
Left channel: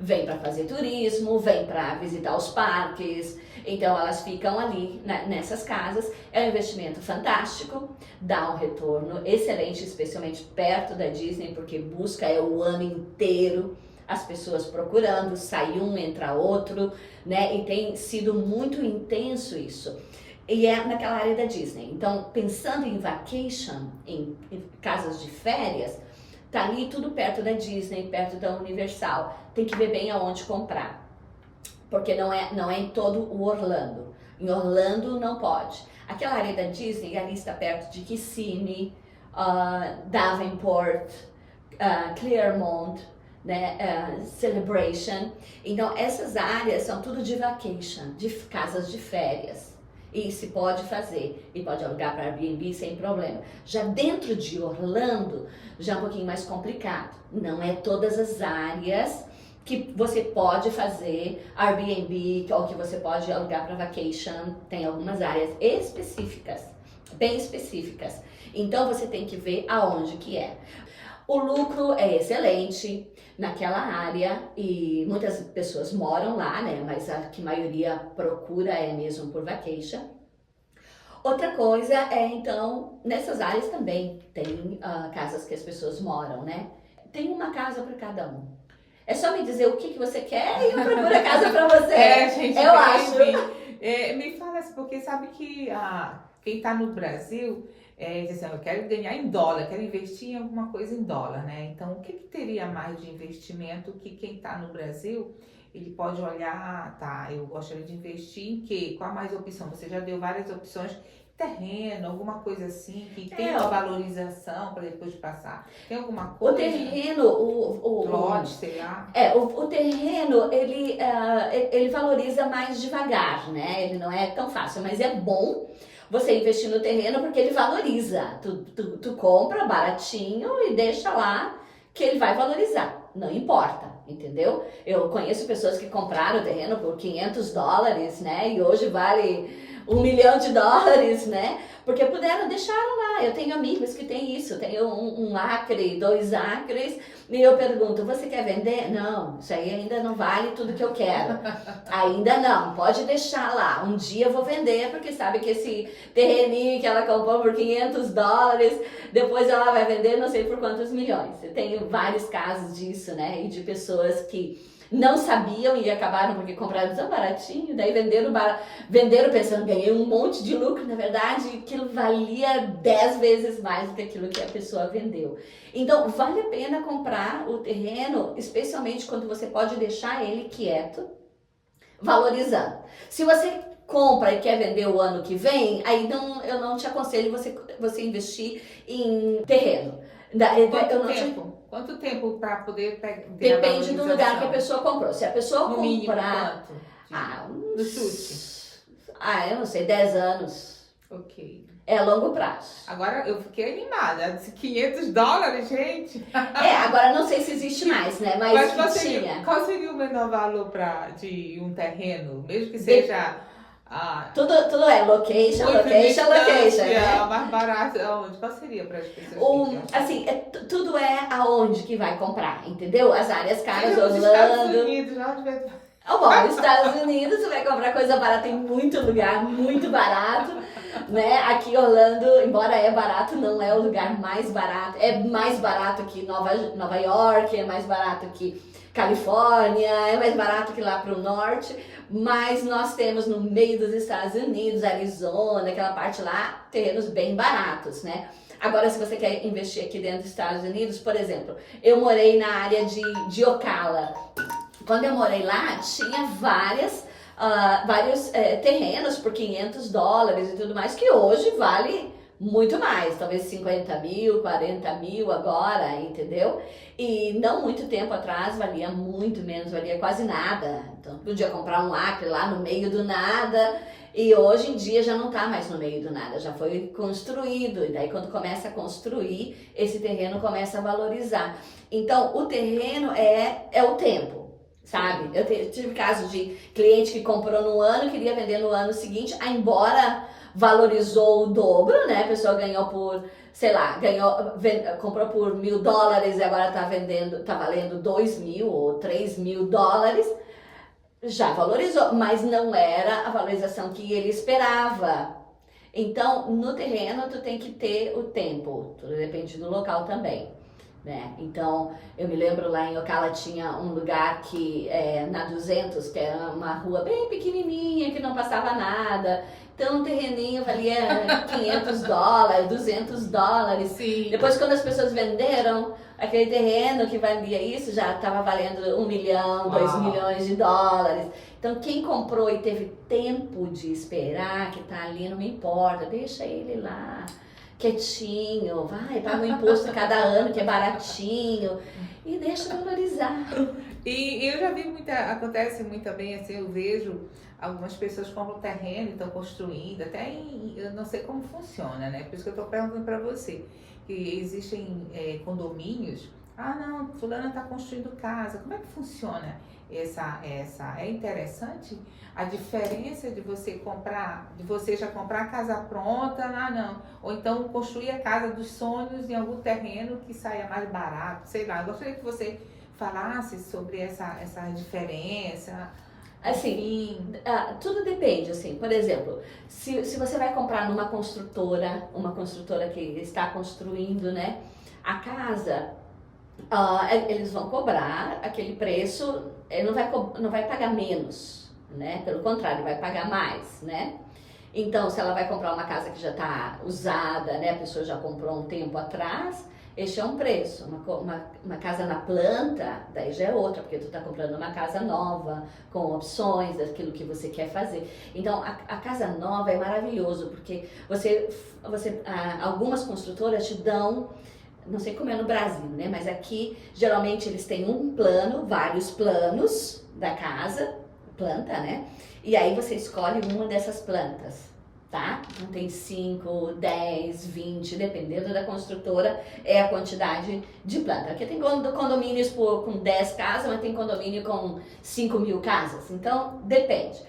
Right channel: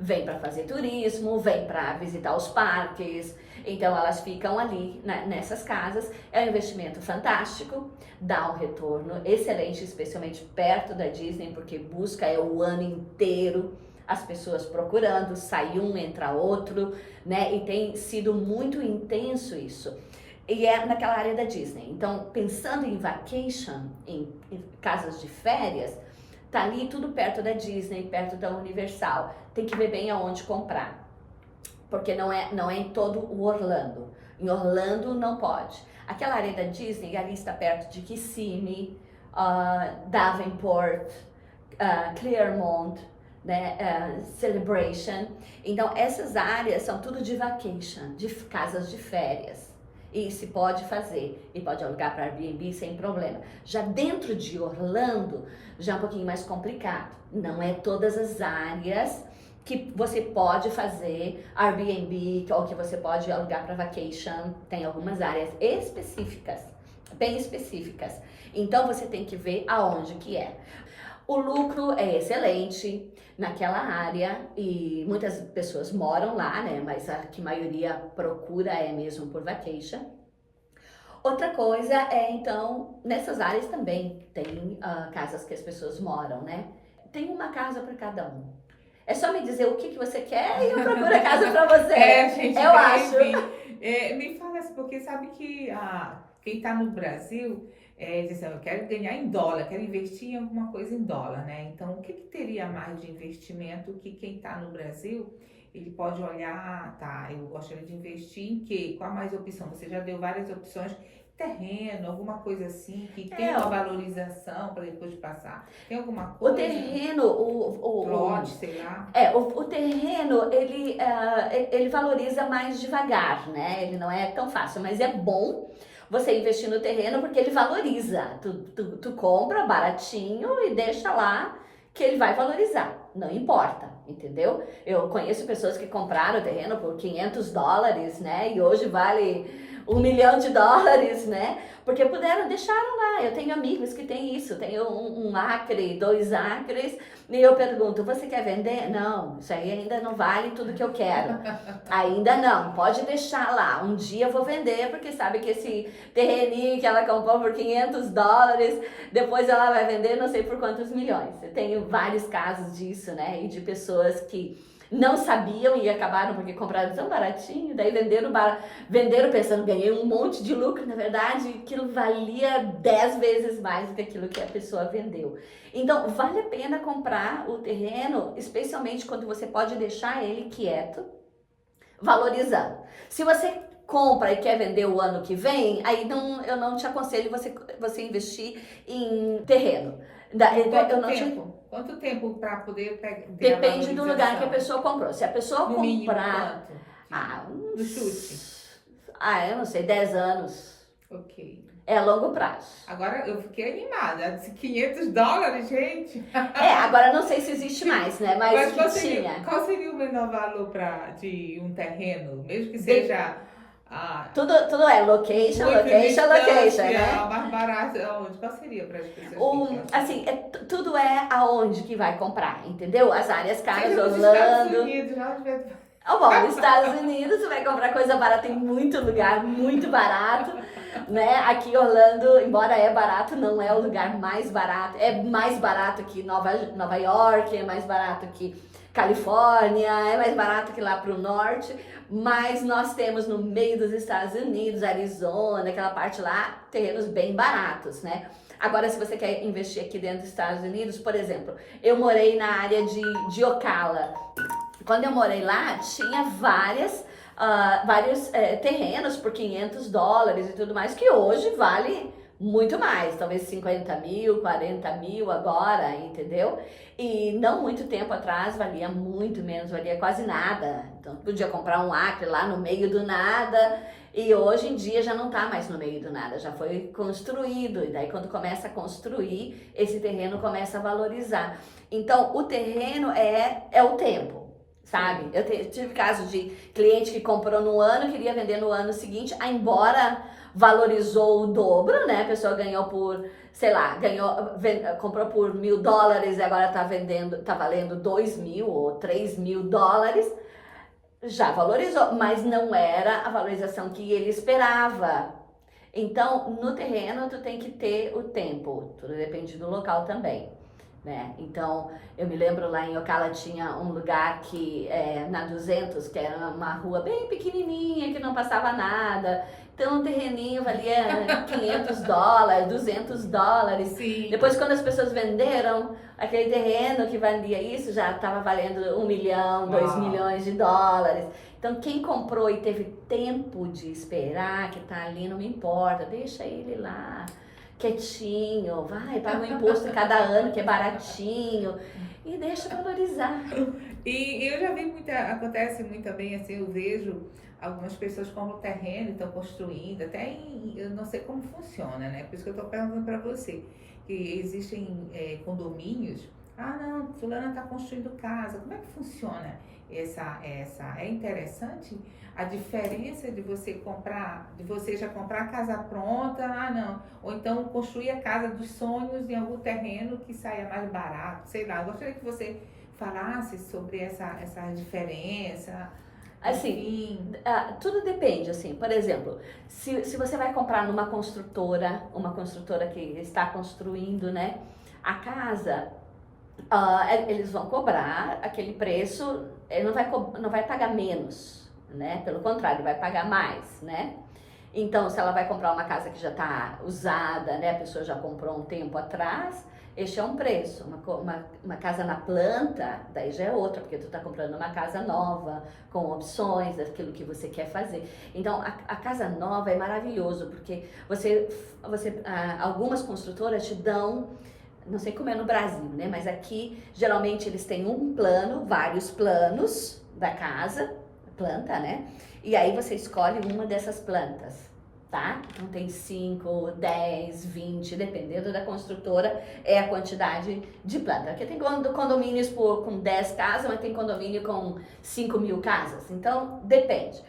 vêm para fazer turismo, vêm para visitar os parques, então elas ficam ali nessas casas. É um investimento fantástico, dá um retorno excelente, especialmente perto da Disney, porque busca o ano inteiro as pessoas procurando, sai um, entra outro, né? E tem sido muito intenso isso. E é naquela área da Disney. Então, pensando em vacation, em casas de férias, tá ali tudo perto da Disney, perto da Universal. Tem que ver bem aonde comprar, porque não é em todo o Orlando. Em Orlando não pode. Aquela área da Disney, ali está perto de Kissimmee, Davenport, Clearmont, né, Celebration. Então, essas áreas são tudo de vacation, de casas de férias. E se pode fazer, e pode alugar para Airbnb sem problema. Já dentro de Orlando, já é um pouquinho mais complicado. Não é todas as áreas que você pode fazer Airbnb ou que você pode alugar para vacation. Tem algumas áreas específicas, bem específicas. Então você tem que ver aonde que é. O lucro é excelente naquela área e muitas pessoas moram lá, né? Mas a que a maioria procura é mesmo por vacation. Outra coisa é, então, nessas áreas também tem casas que as pessoas moram, né? Tem uma casa para cada um. É só me dizer o que você quer e eu procuro a casa para você. Gente, eu acho. Me fala assim, porque sabe que quem está no Brasil diz assim, eu quero ganhar em dólar, quero investir em alguma coisa em dólar, né? Então, o que teria mais de investimento que quem está no Brasil, ele pode olhar, tá, eu gostaria de investir em quê? Qual a mais opção? Você já deu várias opções, terreno, alguma coisa assim, que tem uma valorização para depois passar. Tem alguma coisa? O terreno, lote, sei lá. O terreno, ele valoriza mais devagar, né? Ele não é tão fácil, mas é bom você investir no terreno porque ele valoriza. Tu compra baratinho e deixa lá que ele vai valorizar. Não importa, entendeu? Eu conheço pessoas que compraram o terreno por $500, né? E hoje vale $1 milhão, né? Porque deixaram lá. Eu tenho amigos que têm isso. Tenho um acre, 2 acres. E eu pergunto, você quer vender? Não, isso aí ainda não vale tudo que eu quero. Ainda não, pode deixar lá. Um dia eu vou vender, porque sabe que esse terreninho que ela comprou por $500, depois ela vai vender não sei por quantos milhões. Eu tenho vários casos disso, né? E de pessoas que não sabiam e acabaram porque compraram tão baratinho, daí venderam pensando, ganhei um monte de lucro, na verdade aquilo valia 10 vezes mais do que aquilo que a pessoa vendeu. Então vale a pena comprar o terreno, especialmente quando você pode deixar ele quieto, valorizando. Se você compra e quer vender o ano que vem, aí eu não te aconselho você investir em terreno. Quanto tempo para poder ter Depende do lugar que a pessoa comprou. Se a pessoa no comprar... Mínimo, no chute. Eu não sei, 10 anos. Ok. É longo prazo. Agora eu fiquei animada. Disse $500, gente. Agora não sei se existe mais, né? Mas tinha. Qual seria o menor valor de um terreno? Mesmo que seja... Tudo é location, né? Mais barato, aonde? Qual seria para as pessoas? Assim, tudo é aonde que vai comprar, entendeu? As áreas caras, Orlando. Estados Unidos, bom, nos Estados Unidos você vai comprar coisa barata, tem muito lugar muito barato, né? Aqui Orlando, embora é barato, não é o lugar mais barato. É mais barato que Nova York, é mais barato que Califórnia, é mais barato que lá pro norte, mas nós temos no meio dos Estados Unidos, Arizona, aquela parte lá, terrenos bem baratos, né? Agora, se você quer investir aqui dentro dos Estados Unidos, por exemplo, eu morei na área de Ocala. Quando eu morei lá, tinha vários terrenos por $500 e tudo mais, que hoje vale muito mais, talvez 50 mil, 40 mil agora, entendeu? E não muito tempo atrás valia muito menos, valia quase nada. Então podia comprar um acre lá no meio do nada, e hoje em dia já não tá mais no meio do nada, já foi construído, e daí quando começa a construir, esse terreno começa a valorizar. Então o terreno é o tempo. Sabe? Eu tive casos de cliente que comprou no ano, queria vender no ano seguinte, embora valorizou o dobro, né? A pessoa ganhou por, sei lá, comprou por $1.000 e agora tá valendo 2.000 ou $3.000, já valorizou, mas não era a valorização que ele esperava. Então, no terreno, tu tem que ter o tempo, tudo depende do local também. Né? Então, eu me lembro lá em Ocala tinha um lugar que na 200, que era uma rua bem pequenininha, que não passava nada. Então, um terreninho valia $500, $200. Sim. Depois, quando as pessoas venderam aquele terreno que valia isso, já estava valendo $1 milhão, $2 milhões. Então, quem comprou e teve tempo de esperar, que tá ali, não me importa, deixa ele lá. Quietinho, paga o imposto cada ano que é baratinho e deixa valorizar. E eu já vi acontece muito bem assim, eu vejo algumas pessoas compram terreno e estão construindo, eu não sei como funciona, né? Por isso que eu estou perguntando para você, que existem condomínios, não, fulana está construindo casa, como é que funciona é interessante a diferença de você já comprar a casa pronta, não, ou então construir a casa dos sonhos em algum terreno que saia mais barato, sei lá. Eu gostaria que você falasse sobre essa diferença. Assim, tudo depende, assim, por exemplo, se você vai comprar numa construtora, uma construtora que está construindo, né, a casa, eles vão cobrar aquele preço, ele não vai pagar menos, né? Pelo contrário, ele vai pagar mais, né? Então, se ela vai comprar uma casa que já está usada, né? A pessoa já comprou um tempo atrás, este é um preço. Uma casa na planta, daí já é outra, porque tu está comprando uma casa nova, com opções daquilo que você quer fazer. Então, a casa nova é maravilhoso, porque algumas construtoras te dão, não sei como é no Brasil, né? Mas aqui, geralmente, eles têm um plano, vários planos da casa, planta, né? E aí você escolhe uma dessas plantas, tá? Então tem 5, 10, 20, dependendo da construtora, é a quantidade de planta. Aqui tem condomínios com 10 casas, mas tem condomínio com 5.000 casas, então depende.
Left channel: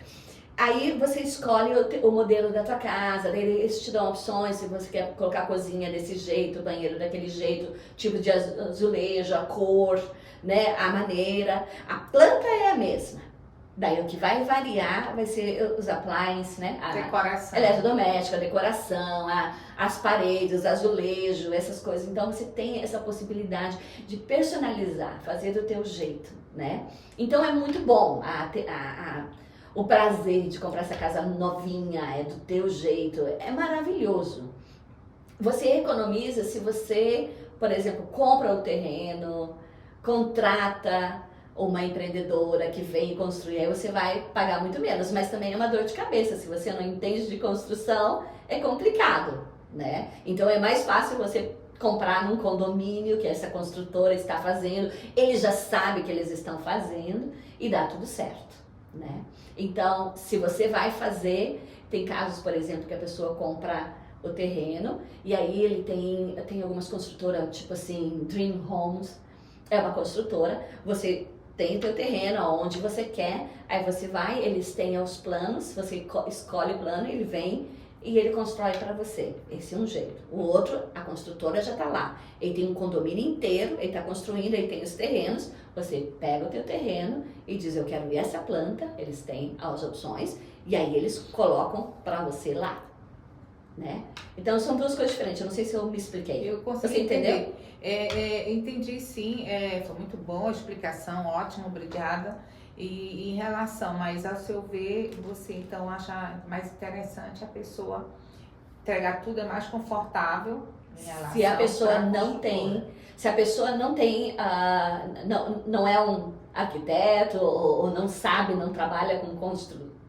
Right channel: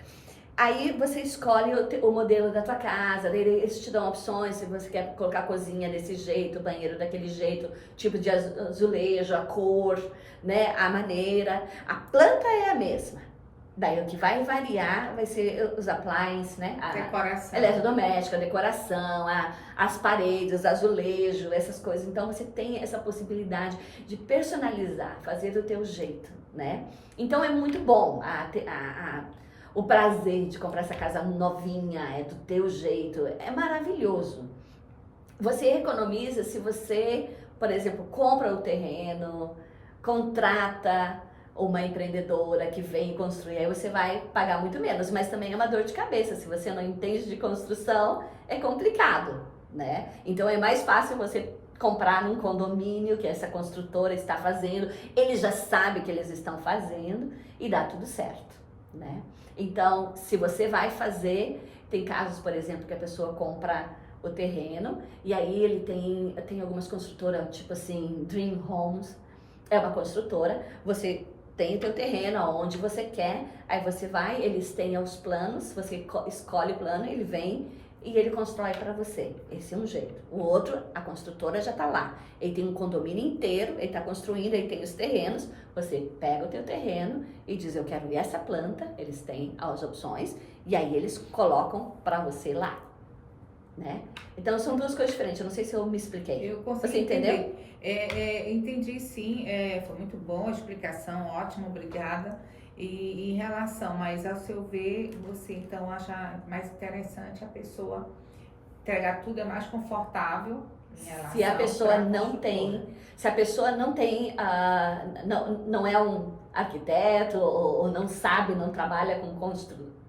Aí você escolhe o modelo da tua casa, eles te dão opções, se você quer colocar a cozinha desse jeito, banheiro daquele jeito, tipo de azulejo, a cor, né, a maneira. A planta é a mesma, Daí o que vai variar vai ser os appliances, né? Decoração. Eletrodoméstica, a decoração, as paredes, azulejo, essas coisas. Então você tem essa possibilidade de personalizar, fazer do teu jeito, né? Então é muito bom o prazer de comprar essa casa novinha, é do teu jeito, é maravilhoso. Você economiza se você, por exemplo, compra o terreno, contrata uma empreendedora que vem construir, aí você vai pagar muito menos, mas também é uma dor de cabeça. Se você não entende de construção, é complicado, né? Então é mais fácil você comprar num condomínio que essa construtora está fazendo, ele já sabe que eles estão fazendo e dá tudo certo, né? Então, se você vai fazer, tem casos, por exemplo, que a pessoa compra o terreno e aí ele tem algumas construtoras, tipo assim, Dream Homes, é uma construtora, você tem o teu terreno aonde você quer, aí você vai, eles têm os planos, você escolhe o plano, ele vem e ele constrói para você. Esse é um jeito. O outro, a construtora já tá lá. Ele tem um condomínio inteiro, ele tá construindo, ele tem os terrenos, você pega o teu terreno e diz, eu quero essa planta, eles têm as opções, e aí eles colocam para você lá, né? Então são duas coisas diferentes, eu não sei se eu me expliquei. Eu consigo Você entendeu? entender. Entendi sim, foi muito bom a explicação, ótimo, obrigada. E em relação, mas ao seu ver, você então acha mais interessante a pessoa entregar tudo, é mais confortável em relação Se a pessoa pra não construtora. tem, se a pessoa não tem, não é um arquiteto ou não sabe, não trabalha com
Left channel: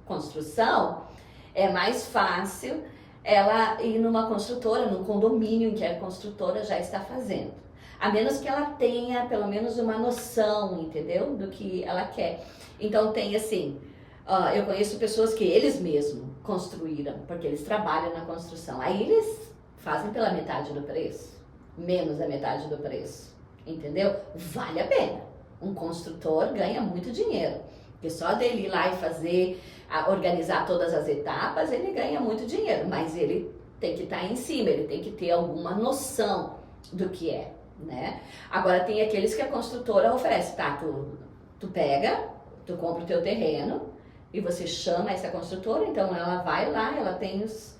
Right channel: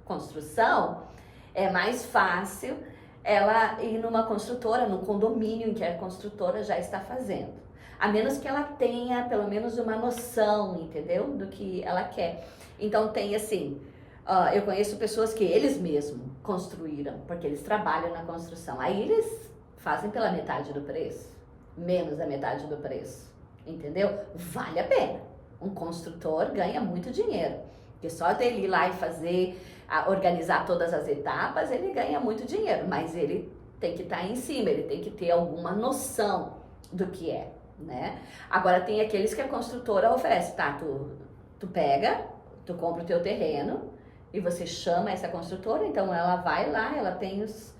construção, é mais fácil ela ir numa construtora, num condomínio em que a construtora já está fazendo. A menos que ela tenha pelo menos uma noção, entendeu? Do que ela quer. Então tem assim, eu conheço pessoas que eles mesmos construíram, porque eles trabalham na construção. Aí eles fazem pela metade do preço, menos da metade do preço, entendeu? Vale a pena. Um construtor ganha muito dinheiro, porque só dele ir lá e fazer, organizar todas as etapas, ele ganha muito dinheiro, mas ele tem que estar em cima, ele tem que ter alguma noção do que é, né? Agora tem aqueles que a construtora oferece, tá, tu pega, tu compra o teu terreno e você chama essa construtora, então ela vai lá, ela tem os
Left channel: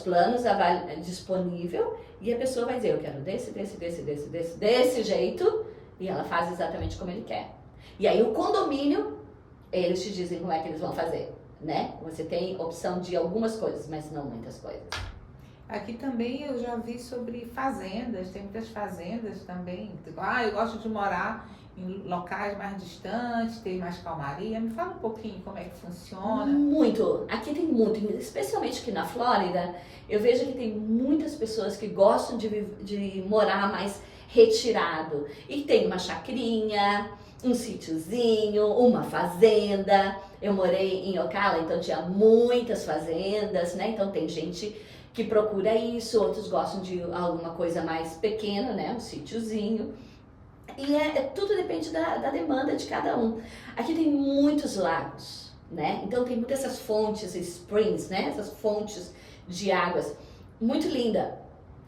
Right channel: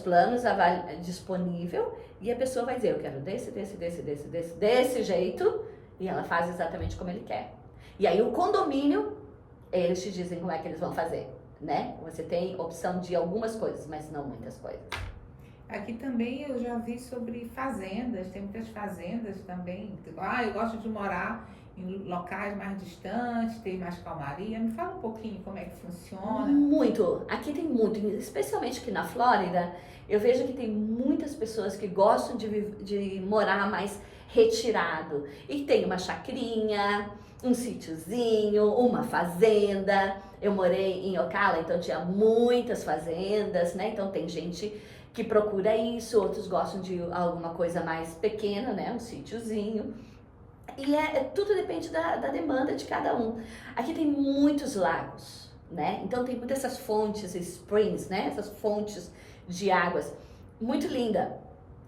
planos disponível e a pessoa vai dizer, eu quero desse jeito, e ela faz exatamente como ele quer. E aí o condomínio, eles te dizem como é que eles vão fazer, né? Você tem opção de algumas coisas, mas não muitas coisas. Aqui também eu já vi sobre fazendas, tem muitas fazendas também. Eu gosto de morar em locais mais distantes, ter mais calmaria. Me fala um pouquinho como é que funciona. Muito, aqui tem muito, especialmente aqui na Flórida, eu vejo que tem muitas pessoas que gostam de morar mais retirado. E tem uma chacrinha, um sítiozinho, uma fazenda. Eu morei em Ocala, então tinha muitas fazendas, né? Então tem gente que procura isso, outros gostam de alguma coisa mais pequena, né? Um sítiozinho. E tudo depende da demanda de cada um. Aqui tem muitos lagos, né? Então tem muitas essas fontes, springs, né? Essas fontes de águas. Muito linda.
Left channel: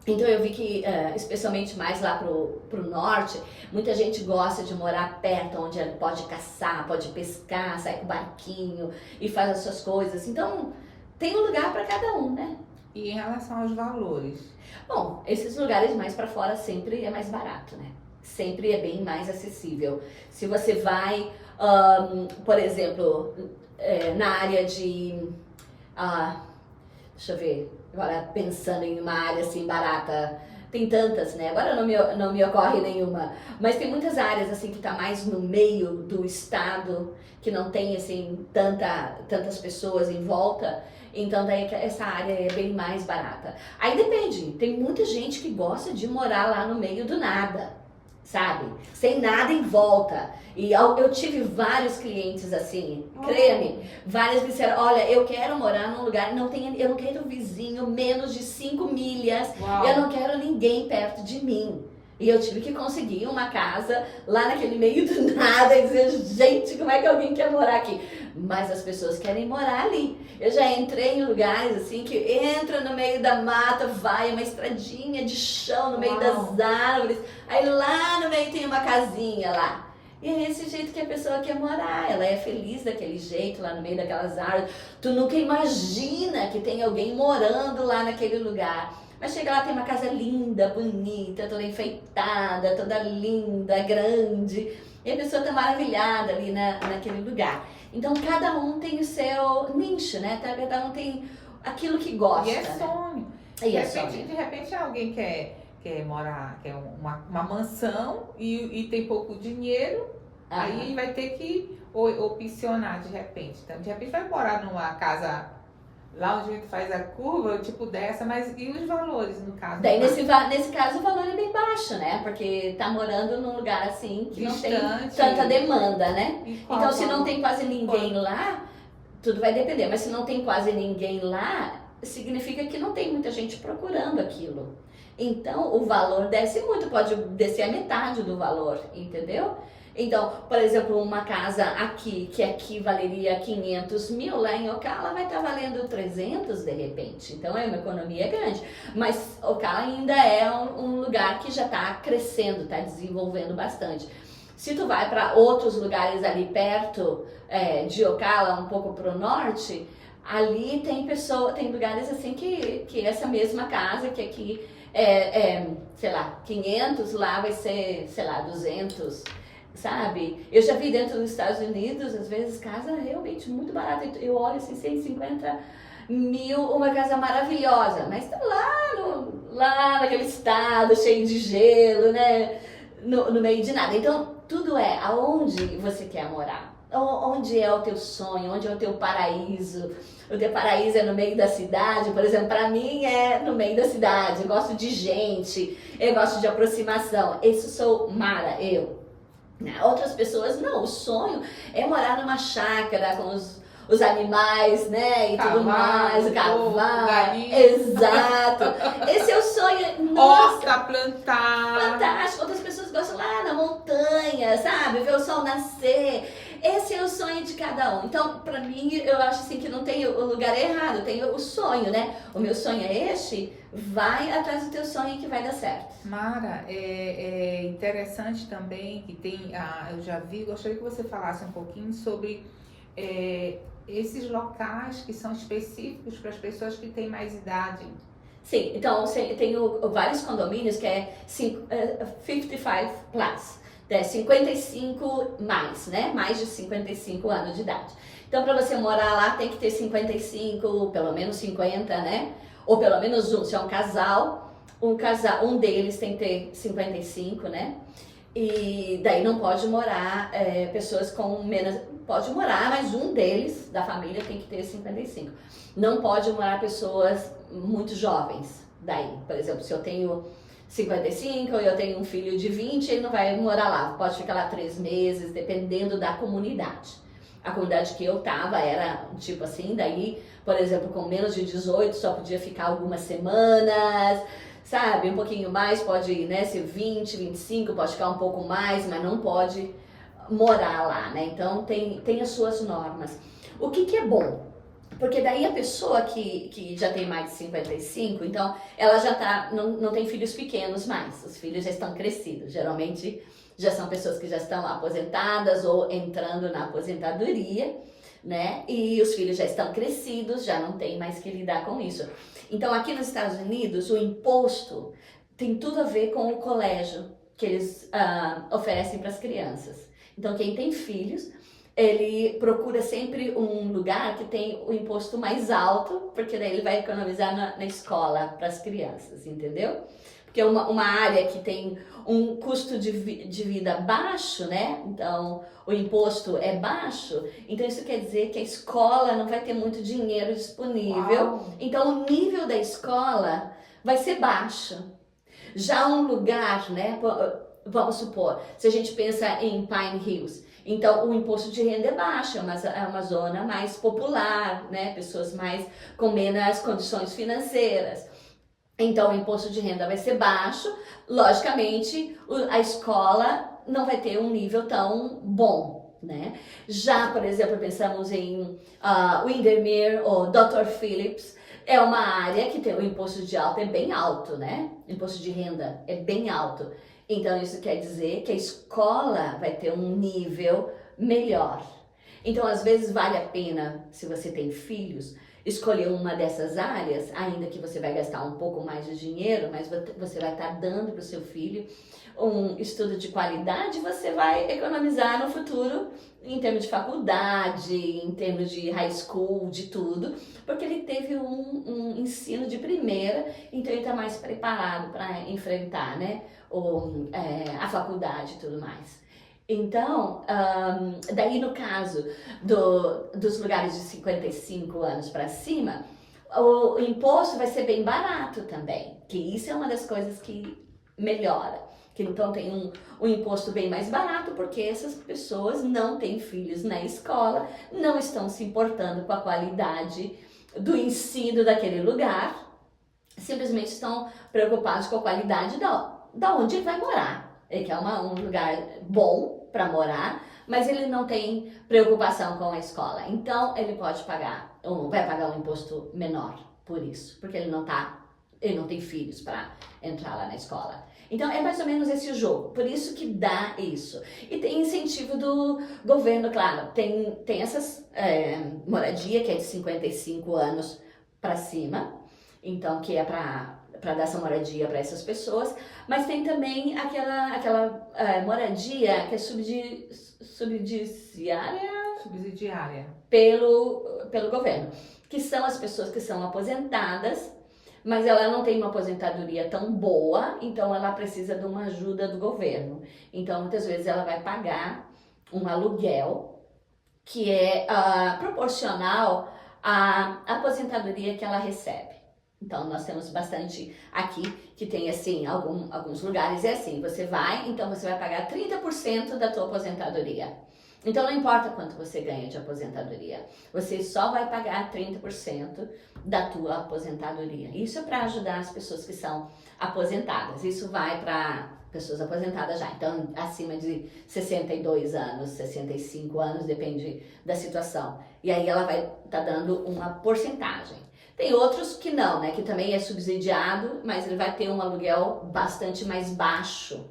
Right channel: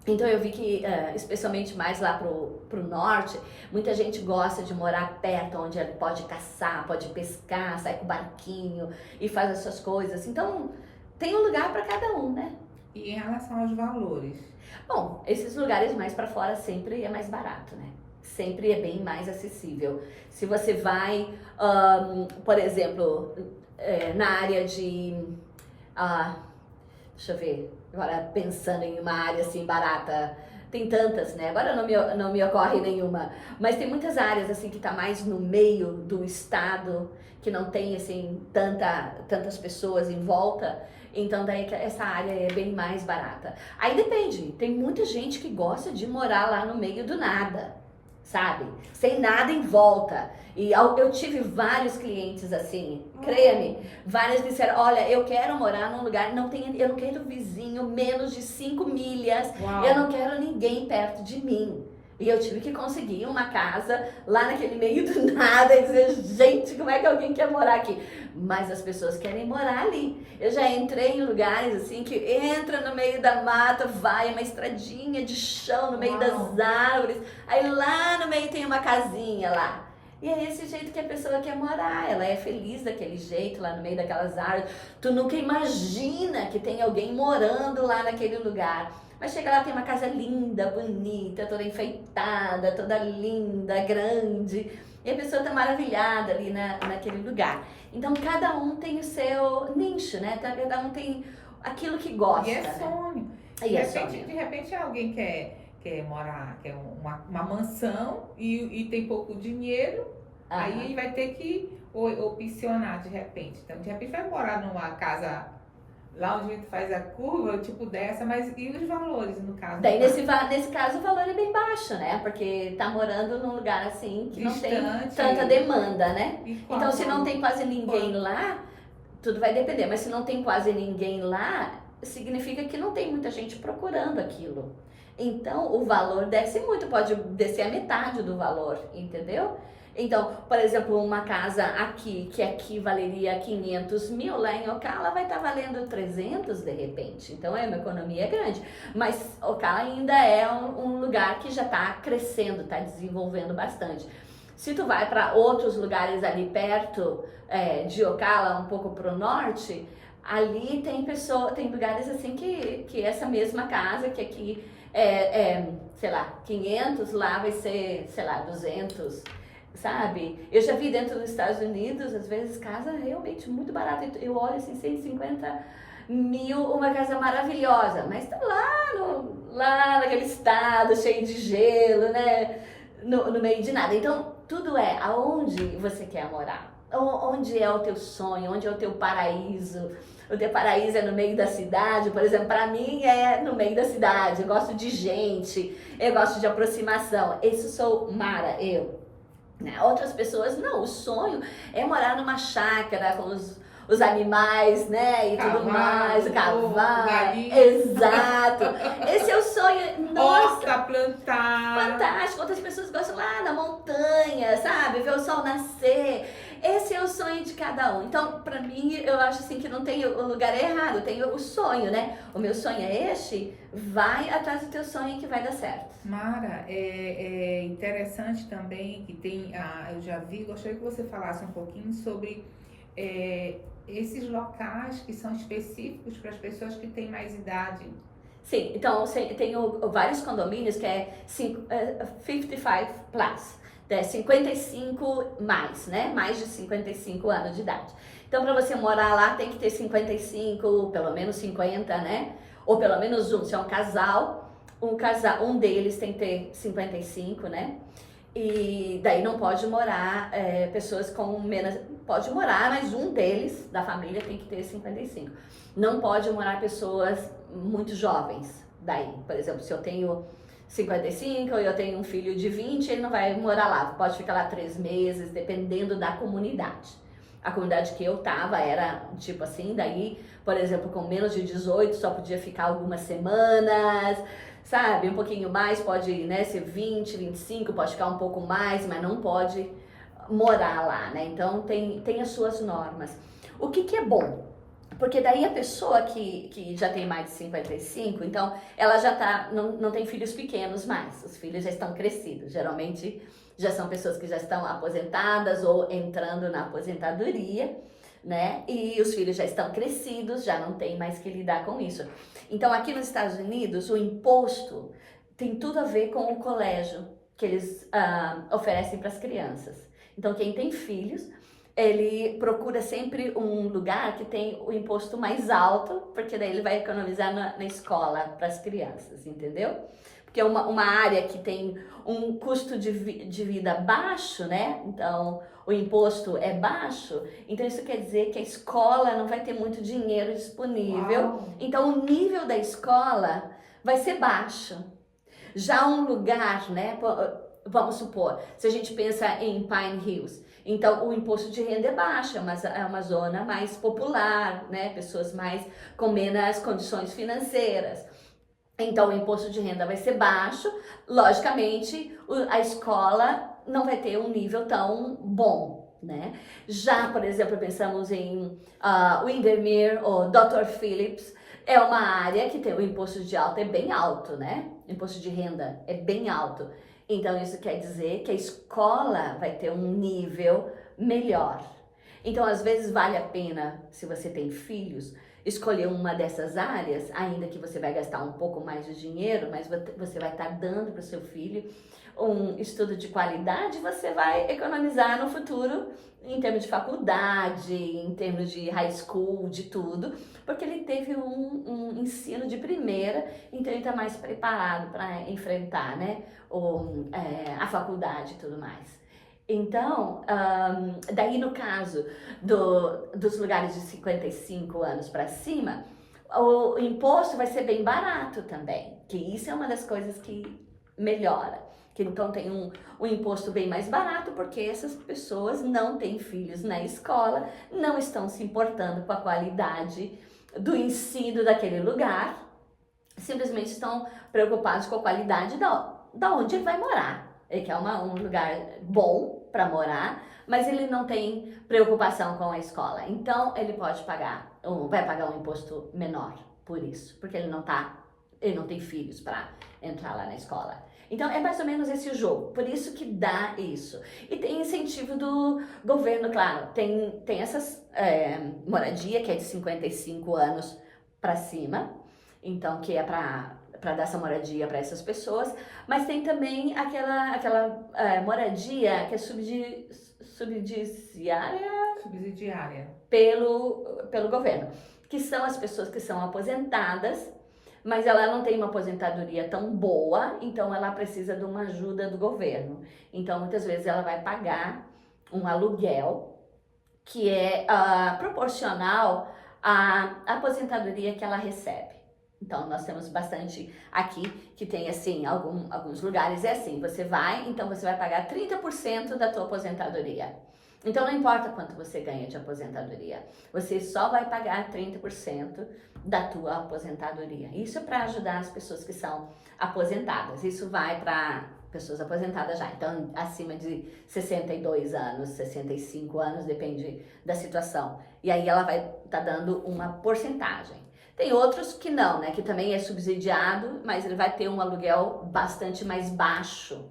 Então eu vi que, especialmente mais lá pro norte, muita gente gosta de morar perto, onde ela pode caçar, pode pescar, sai com o barquinho e faz as suas coisas. Então tem um lugar para cada um, né? E em relação aos valores? Bom, esses lugares mais para fora sempre é mais barato, né? Sempre é bem mais acessível. Se você vai, por exemplo, na área de... deixa eu ver, agora pensando em uma área assim barata, tem tantas, né? Agora não me ocorre nenhuma, mas tem muitas áreas assim que tá mais no meio do estado, que não tem assim tantas pessoas em volta, então daí essa área é bem mais barata. Aí depende, tem muita gente que gosta de morar lá no meio do nada, sabe? Sem nada em volta. E eu tive vários clientes assim, creia-me, vários que disseram, olha, eu quero morar num lugar, eu não quero vizinho menos de 5 milhas, Uau. eu não quero ninguém perto de mim. E eu tive que conseguir uma casa lá naquele meio do nada e dizer, gente, como é que alguém quer morar aqui? Mas as pessoas querem morar ali. Eu já entrei em lugares assim que entra no meio da mata, vai uma estradinha de chão no meio Uau. das árvores. Aí lá no meio tem uma casinha lá. E é esse jeito que a pessoa quer morar, ela é feliz daquele jeito, lá no meio daquelas árvores. Tu nunca imagina que tem alguém morando lá naquele lugar. Mas chega lá, tem uma casa linda, bonita, toda enfeitada, toda linda, grande. E a pessoa tá maravilhada ali naquele lugar. Então cada um tem o seu nicho, né? Cada um tem aquilo que gosta, E é né? sonho. E é sonho. De repente alguém quer morar, quer uma mansão e tem pouco dinheiro, aí vai ter que opcionar de repente. Então, de repente vai morar numa casa lá onde a gente faz a curva, tipo dessa, mas e os valores no caso? Daí nesse caso o valor é bem baixo, né? Porque tá morando num lugar assim que não tem Distante. tanta demanda, né? E qual Então se não valor? tem quase ninguém lá, tudo vai depender. Mas se não tem quase ninguém lá, significa que não tem muita gente procurando aquilo. Então o valor desce muito, pode descer a metade do valor, entendeu? Então, por exemplo, uma casa aqui, que aqui valeria 500 mil, lá em Ocala vai estar valendo 300 de repente. Então, é uma economia grande. Mas Ocala ainda é um lugar que já está crescendo, está desenvolvendo bastante. Se tu vai para outros lugares ali perto de Ocala, um pouco para o norte, ali tem lugares assim que essa mesma casa, que aqui sei lá, 500, lá vai ser, sei lá, 200. Sabe? Eu já vi dentro dos Estados Unidos, às vezes, casa realmente muito barata. Eu olho assim, 150 mil, uma casa maravilhosa, mas tá lá naquele estado, cheio de gelo, né? No meio de nada. Então, tudo é aonde você quer morar. Onde é o teu sonho, onde é o teu paraíso. O teu paraíso é no meio da cidade, por exemplo, para mim é no meio da cidade. Eu gosto de gente, eu gosto de aproximação. Esse sou Mara, eu. Outras pessoas, não, o sonho é morar numa chácara com os animais, né, e tudo mais, o cavalo, galinha. exato, esse é o sonho, nossa, Horta plantar. fantástico, outras pessoas gostam lá na montanha, sabe, ver o sol nascer, esse é o sonho de cada um. Então, pra mim, eu acho assim que não tem o lugar errado, tem o sonho, né, o meu sonho é este, vai atrás do teu sonho que vai dar certo. Mara, é interessante também que tem, eu já vi, gostaria que você falasse um pouquinho sobre esses locais que são específicos para as pessoas que têm mais idade. Sim, então tenho vários condomínios que é 55 plus, 55 mais, né? Mais de 55 anos de idade. Então, para você morar lá, tem que ter 55, pelo menos 50, né? Ou pelo menos um, se é um casal, um deles tem que ter 55, né? E daí não pode morar pessoas com menos. Pode morar, mas um deles da família tem que ter 55. Não pode morar pessoas muito jovens. Daí, por exemplo, se eu tenho 55 e eu tenho um filho de 20, ele não vai morar lá. Pode ficar lá 3 meses, dependendo da comunidade. A comunidade que eu tava era tipo assim, daí, por exemplo, com menos de 18 só podia ficar algumas semanas. Sabe, um pouquinho mais, pode, né, ser 20, 25, pode ficar um pouco mais, mas não pode morar lá, né? Então tem as suas normas. O que é bom? Porque daí a pessoa que já tem mais de 55, então ela já não tem filhos pequenos mais, os filhos já estão crescidos, geralmente já são pessoas que já estão aposentadas ou entrando na aposentadoria, né? E os filhos já estão crescidos, já não tem mais que lidar com isso. Então, aqui nos Estados Unidos, o imposto tem tudo a ver com o colégio que eles oferecem para as crianças. Então, quem tem filhos, ele procura sempre um lugar que tem o imposto mais alto, porque daí ele vai economizar na escola para as crianças, entendeu? Porque é uma área que tem um custo de vida baixo, né? Então, o imposto é baixo, então isso quer dizer que a escola não vai ter muito dinheiro disponível. Uau. Então, o nível da escola vai ser baixo. Já um lugar, né? Vamos supor, se a gente pensa em Pine Hills, então o imposto de renda é baixo, é uma zona mais popular, né? Pessoas mais com menos condições financeiras. Então, o imposto de renda vai ser baixo, logicamente, a escola não vai ter um nível tão bom, né? Já, por exemplo, pensamos em Windermere ou Dr. Phillips, é uma área que tem o imposto de alta é bem alto, né? O imposto de renda é bem alto. Então isso quer dizer que a escola vai ter um nível melhor. Então às vezes vale a pena, se você tem filhos, escolher uma dessas áreas, ainda que você vai gastar um pouco mais de dinheiro, mas você vai estar dando para o seu filho um estudo de qualidade, você vai economizar no futuro em termos de faculdade, em termos de high school, de tudo, porque ele teve um ensino de primeira, então ele está mais preparado para enfrentar, né, a faculdade e tudo mais. Então, daí no caso dos lugares de 55 anos para cima, o imposto vai ser bem barato também, que isso é uma das coisas que melhora. Que então tem um imposto bem mais barato, porque essas pessoas não têm filhos na escola, não estão se importando com a qualidade do ensino daquele lugar, simplesmente estão preocupados com a qualidade da onde ele vai morar. Ele quer um lugar bom para morar, mas ele não tem preocupação com a escola. Então ele pode vai pagar um imposto menor por isso, porque ele não tem filhos para entrar lá na escola. Então é mais ou menos esse o jogo, por isso que dá isso. E tem incentivo do governo, claro, tem essas moradia que é de 55 anos para cima, então que é para dar essa moradia para essas pessoas, mas tem também aquela moradia que é subsidiária pelo governo, que são as pessoas que são aposentadas, mas ela não tem uma aposentadoria tão boa, então ela precisa de uma ajuda do governo. Então muitas vezes ela vai pagar um aluguel que é proporcional à aposentadoria que ela recebe. Então, nós temos bastante aqui que tem, assim, alguns lugares é assim, você vai pagar 30% da tua aposentadoria. Então, não importa quanto você ganha de aposentadoria, você só vai pagar 30% da tua aposentadoria. Isso é para ajudar as pessoas que são aposentadas. Isso vai para pessoas aposentadas já, então, acima de 62 anos, 65 anos, depende da situação. E aí ela vai estar dando uma porcentagem. Tem outros que não, né? Que também é subsidiado, mas ele vai ter um aluguel bastante mais baixo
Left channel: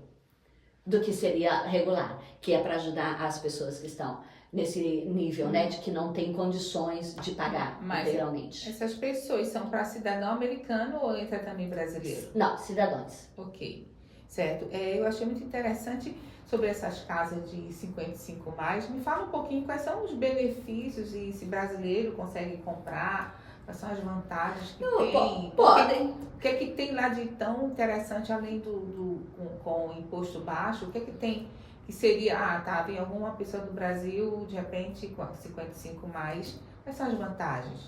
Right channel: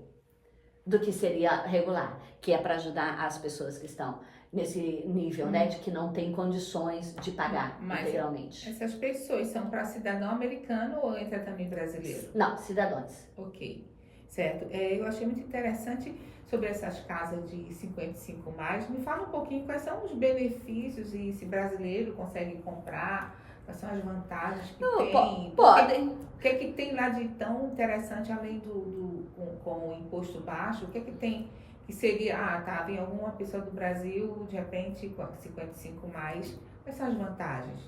do que seria regular, que é para ajudar as pessoas que estão nesse nível, né? De que não tem condições de pagar integralmente. Essas pessoas são para cidadão americano ou entra também brasileiro? Não, cidadãos. Ok, certo. Eu achei muito interessante sobre essas casas de 55 mais. Me fala um pouquinho quais são os benefícios e se brasileiro consegue comprar. Quais são as vantagens que tem? Podem. O que tem lá de tão interessante, além com o imposto baixo? O que tem que seria, vem alguma pessoa do Brasil, de repente, com 55 mais, quais são as vantagens?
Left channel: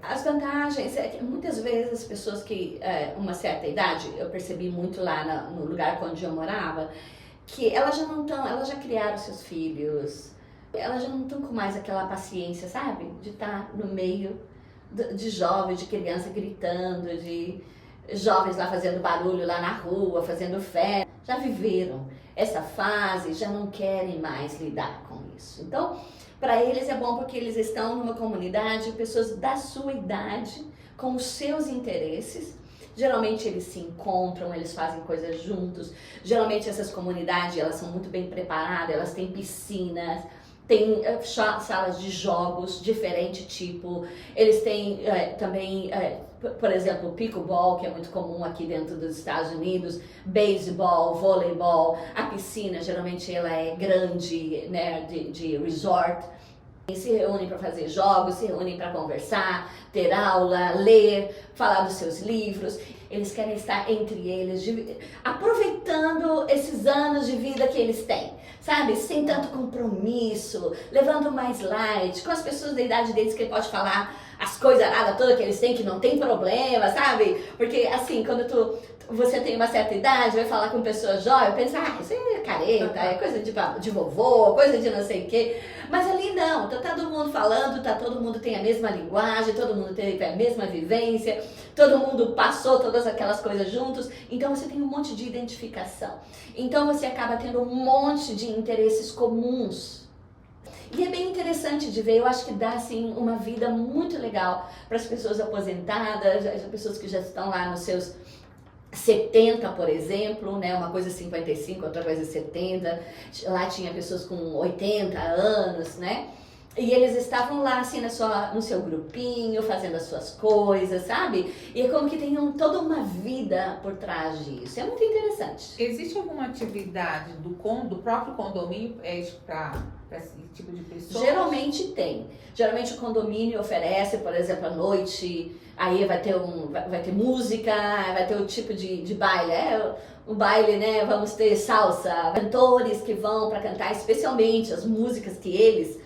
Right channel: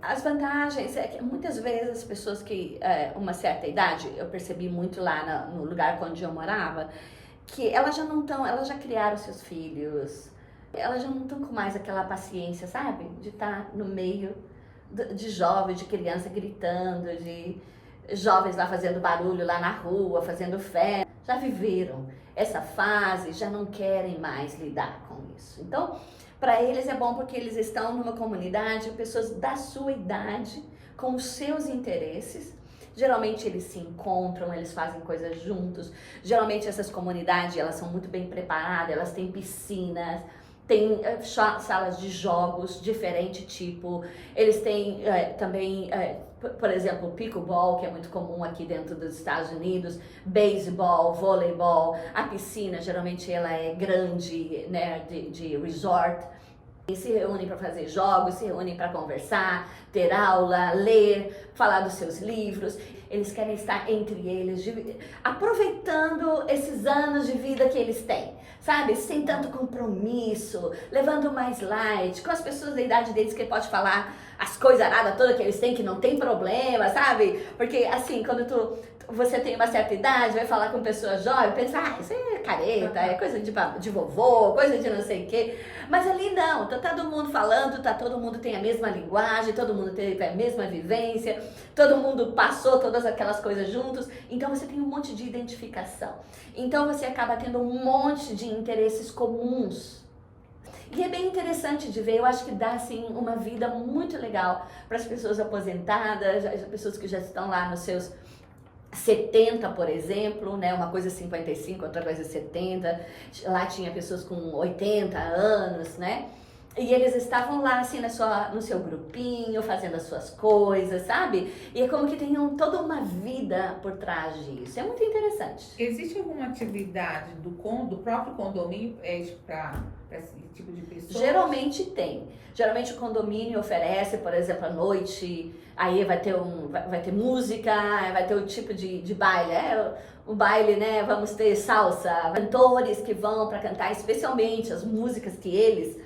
As vantagens é que muitas vezes as pessoas que, uma certa idade, eu percebi muito lá no lugar onde eu morava, que elas já criaram seus filhos, elas já não estão com mais aquela paciência, sabe? De estar no meio de jovens, de criança gritando, de jovens lá fazendo barulho lá na rua, fazendo festa. Já viveram essa fase, já não querem mais lidar com isso. Então, para eles é bom porque eles estão numa comunidade, pessoas da sua idade, com os seus interesses. Geralmente eles se encontram, eles fazem coisas juntos. Geralmente essas comunidades, elas são muito bem preparadas, elas têm piscinas, tem salas de jogos, diferente tipo. Eles têm também, por exemplo, pickleball, que é muito comum aqui dentro dos Estados Unidos, beisebol, voleibol. A piscina, geralmente, ela é grande, né, de resort. E se reúnem para fazer jogos, se reúnem para conversar, ter aula, ler, falar dos seus livros. Eles querem estar entre eles, aproveitando esses anos de vida que eles têm, sabe? Sem tanto compromisso, levando mais light, com as pessoas da idade deles que ele pode falar as coisas aradas todas que eles têm, que não tem problema, sabe? Porque assim, quando você tem uma certa idade, vai falar com pessoas jovens, pensa, isso é careta, é coisa de vovô, coisa de não sei o quê. Mas ali não, tá todo mundo falando, todo mundo tem a mesma linguagem, todo mundo teve a mesma vivência, todo mundo passou todas aquelas coisas juntos, então você tem um monte de identificação. Então você acaba tendo um monte de interesses comuns. E é bem interessante de ver, eu acho que dá assim uma vida muito legal para as pessoas aposentadas, as pessoas que já estão lá nos seus 70, por exemplo, né? Uma coisa 55, outra coisa 70. Lá tinha pessoas com 80 anos, né? E eles estavam lá, assim, no seu grupinho, fazendo as suas coisas, sabe? E é como que tem toda uma vida por trás disso. É muito interessante. Existe alguma atividade do próprio condomínio para esse tipo de pessoa? Geralmente tem. Geralmente o condomínio oferece, por exemplo, à noite, aí vai ter música, vai ter o tipo de baile. O baile, né? Vamos ter salsa, cantores que vão para cantar, especialmente as músicas que eles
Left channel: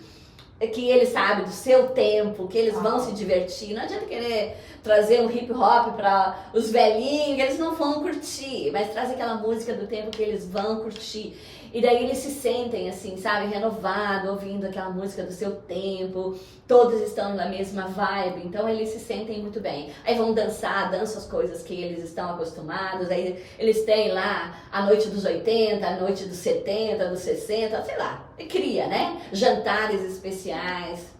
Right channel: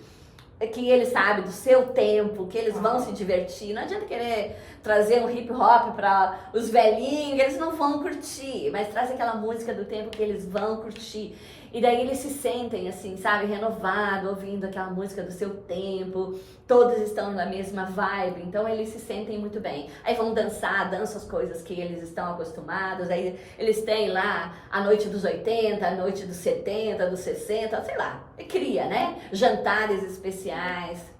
sabem do seu tempo, que eles vão se divertir. Não adianta querer trazer um hip hop para os velhinhos, que eles não vão curtir, mas traz aquela música do tempo que eles vão curtir. E daí eles se sentem assim, sabe, renovado, ouvindo aquela música do seu tempo, todos estão na mesma vibe, então eles se sentem muito bem. Aí vão dançam as coisas que eles estão acostumados, aí eles têm lá a noite dos 80, a noite dos 70, dos 60, sei lá, cria, né? Jantares especiais.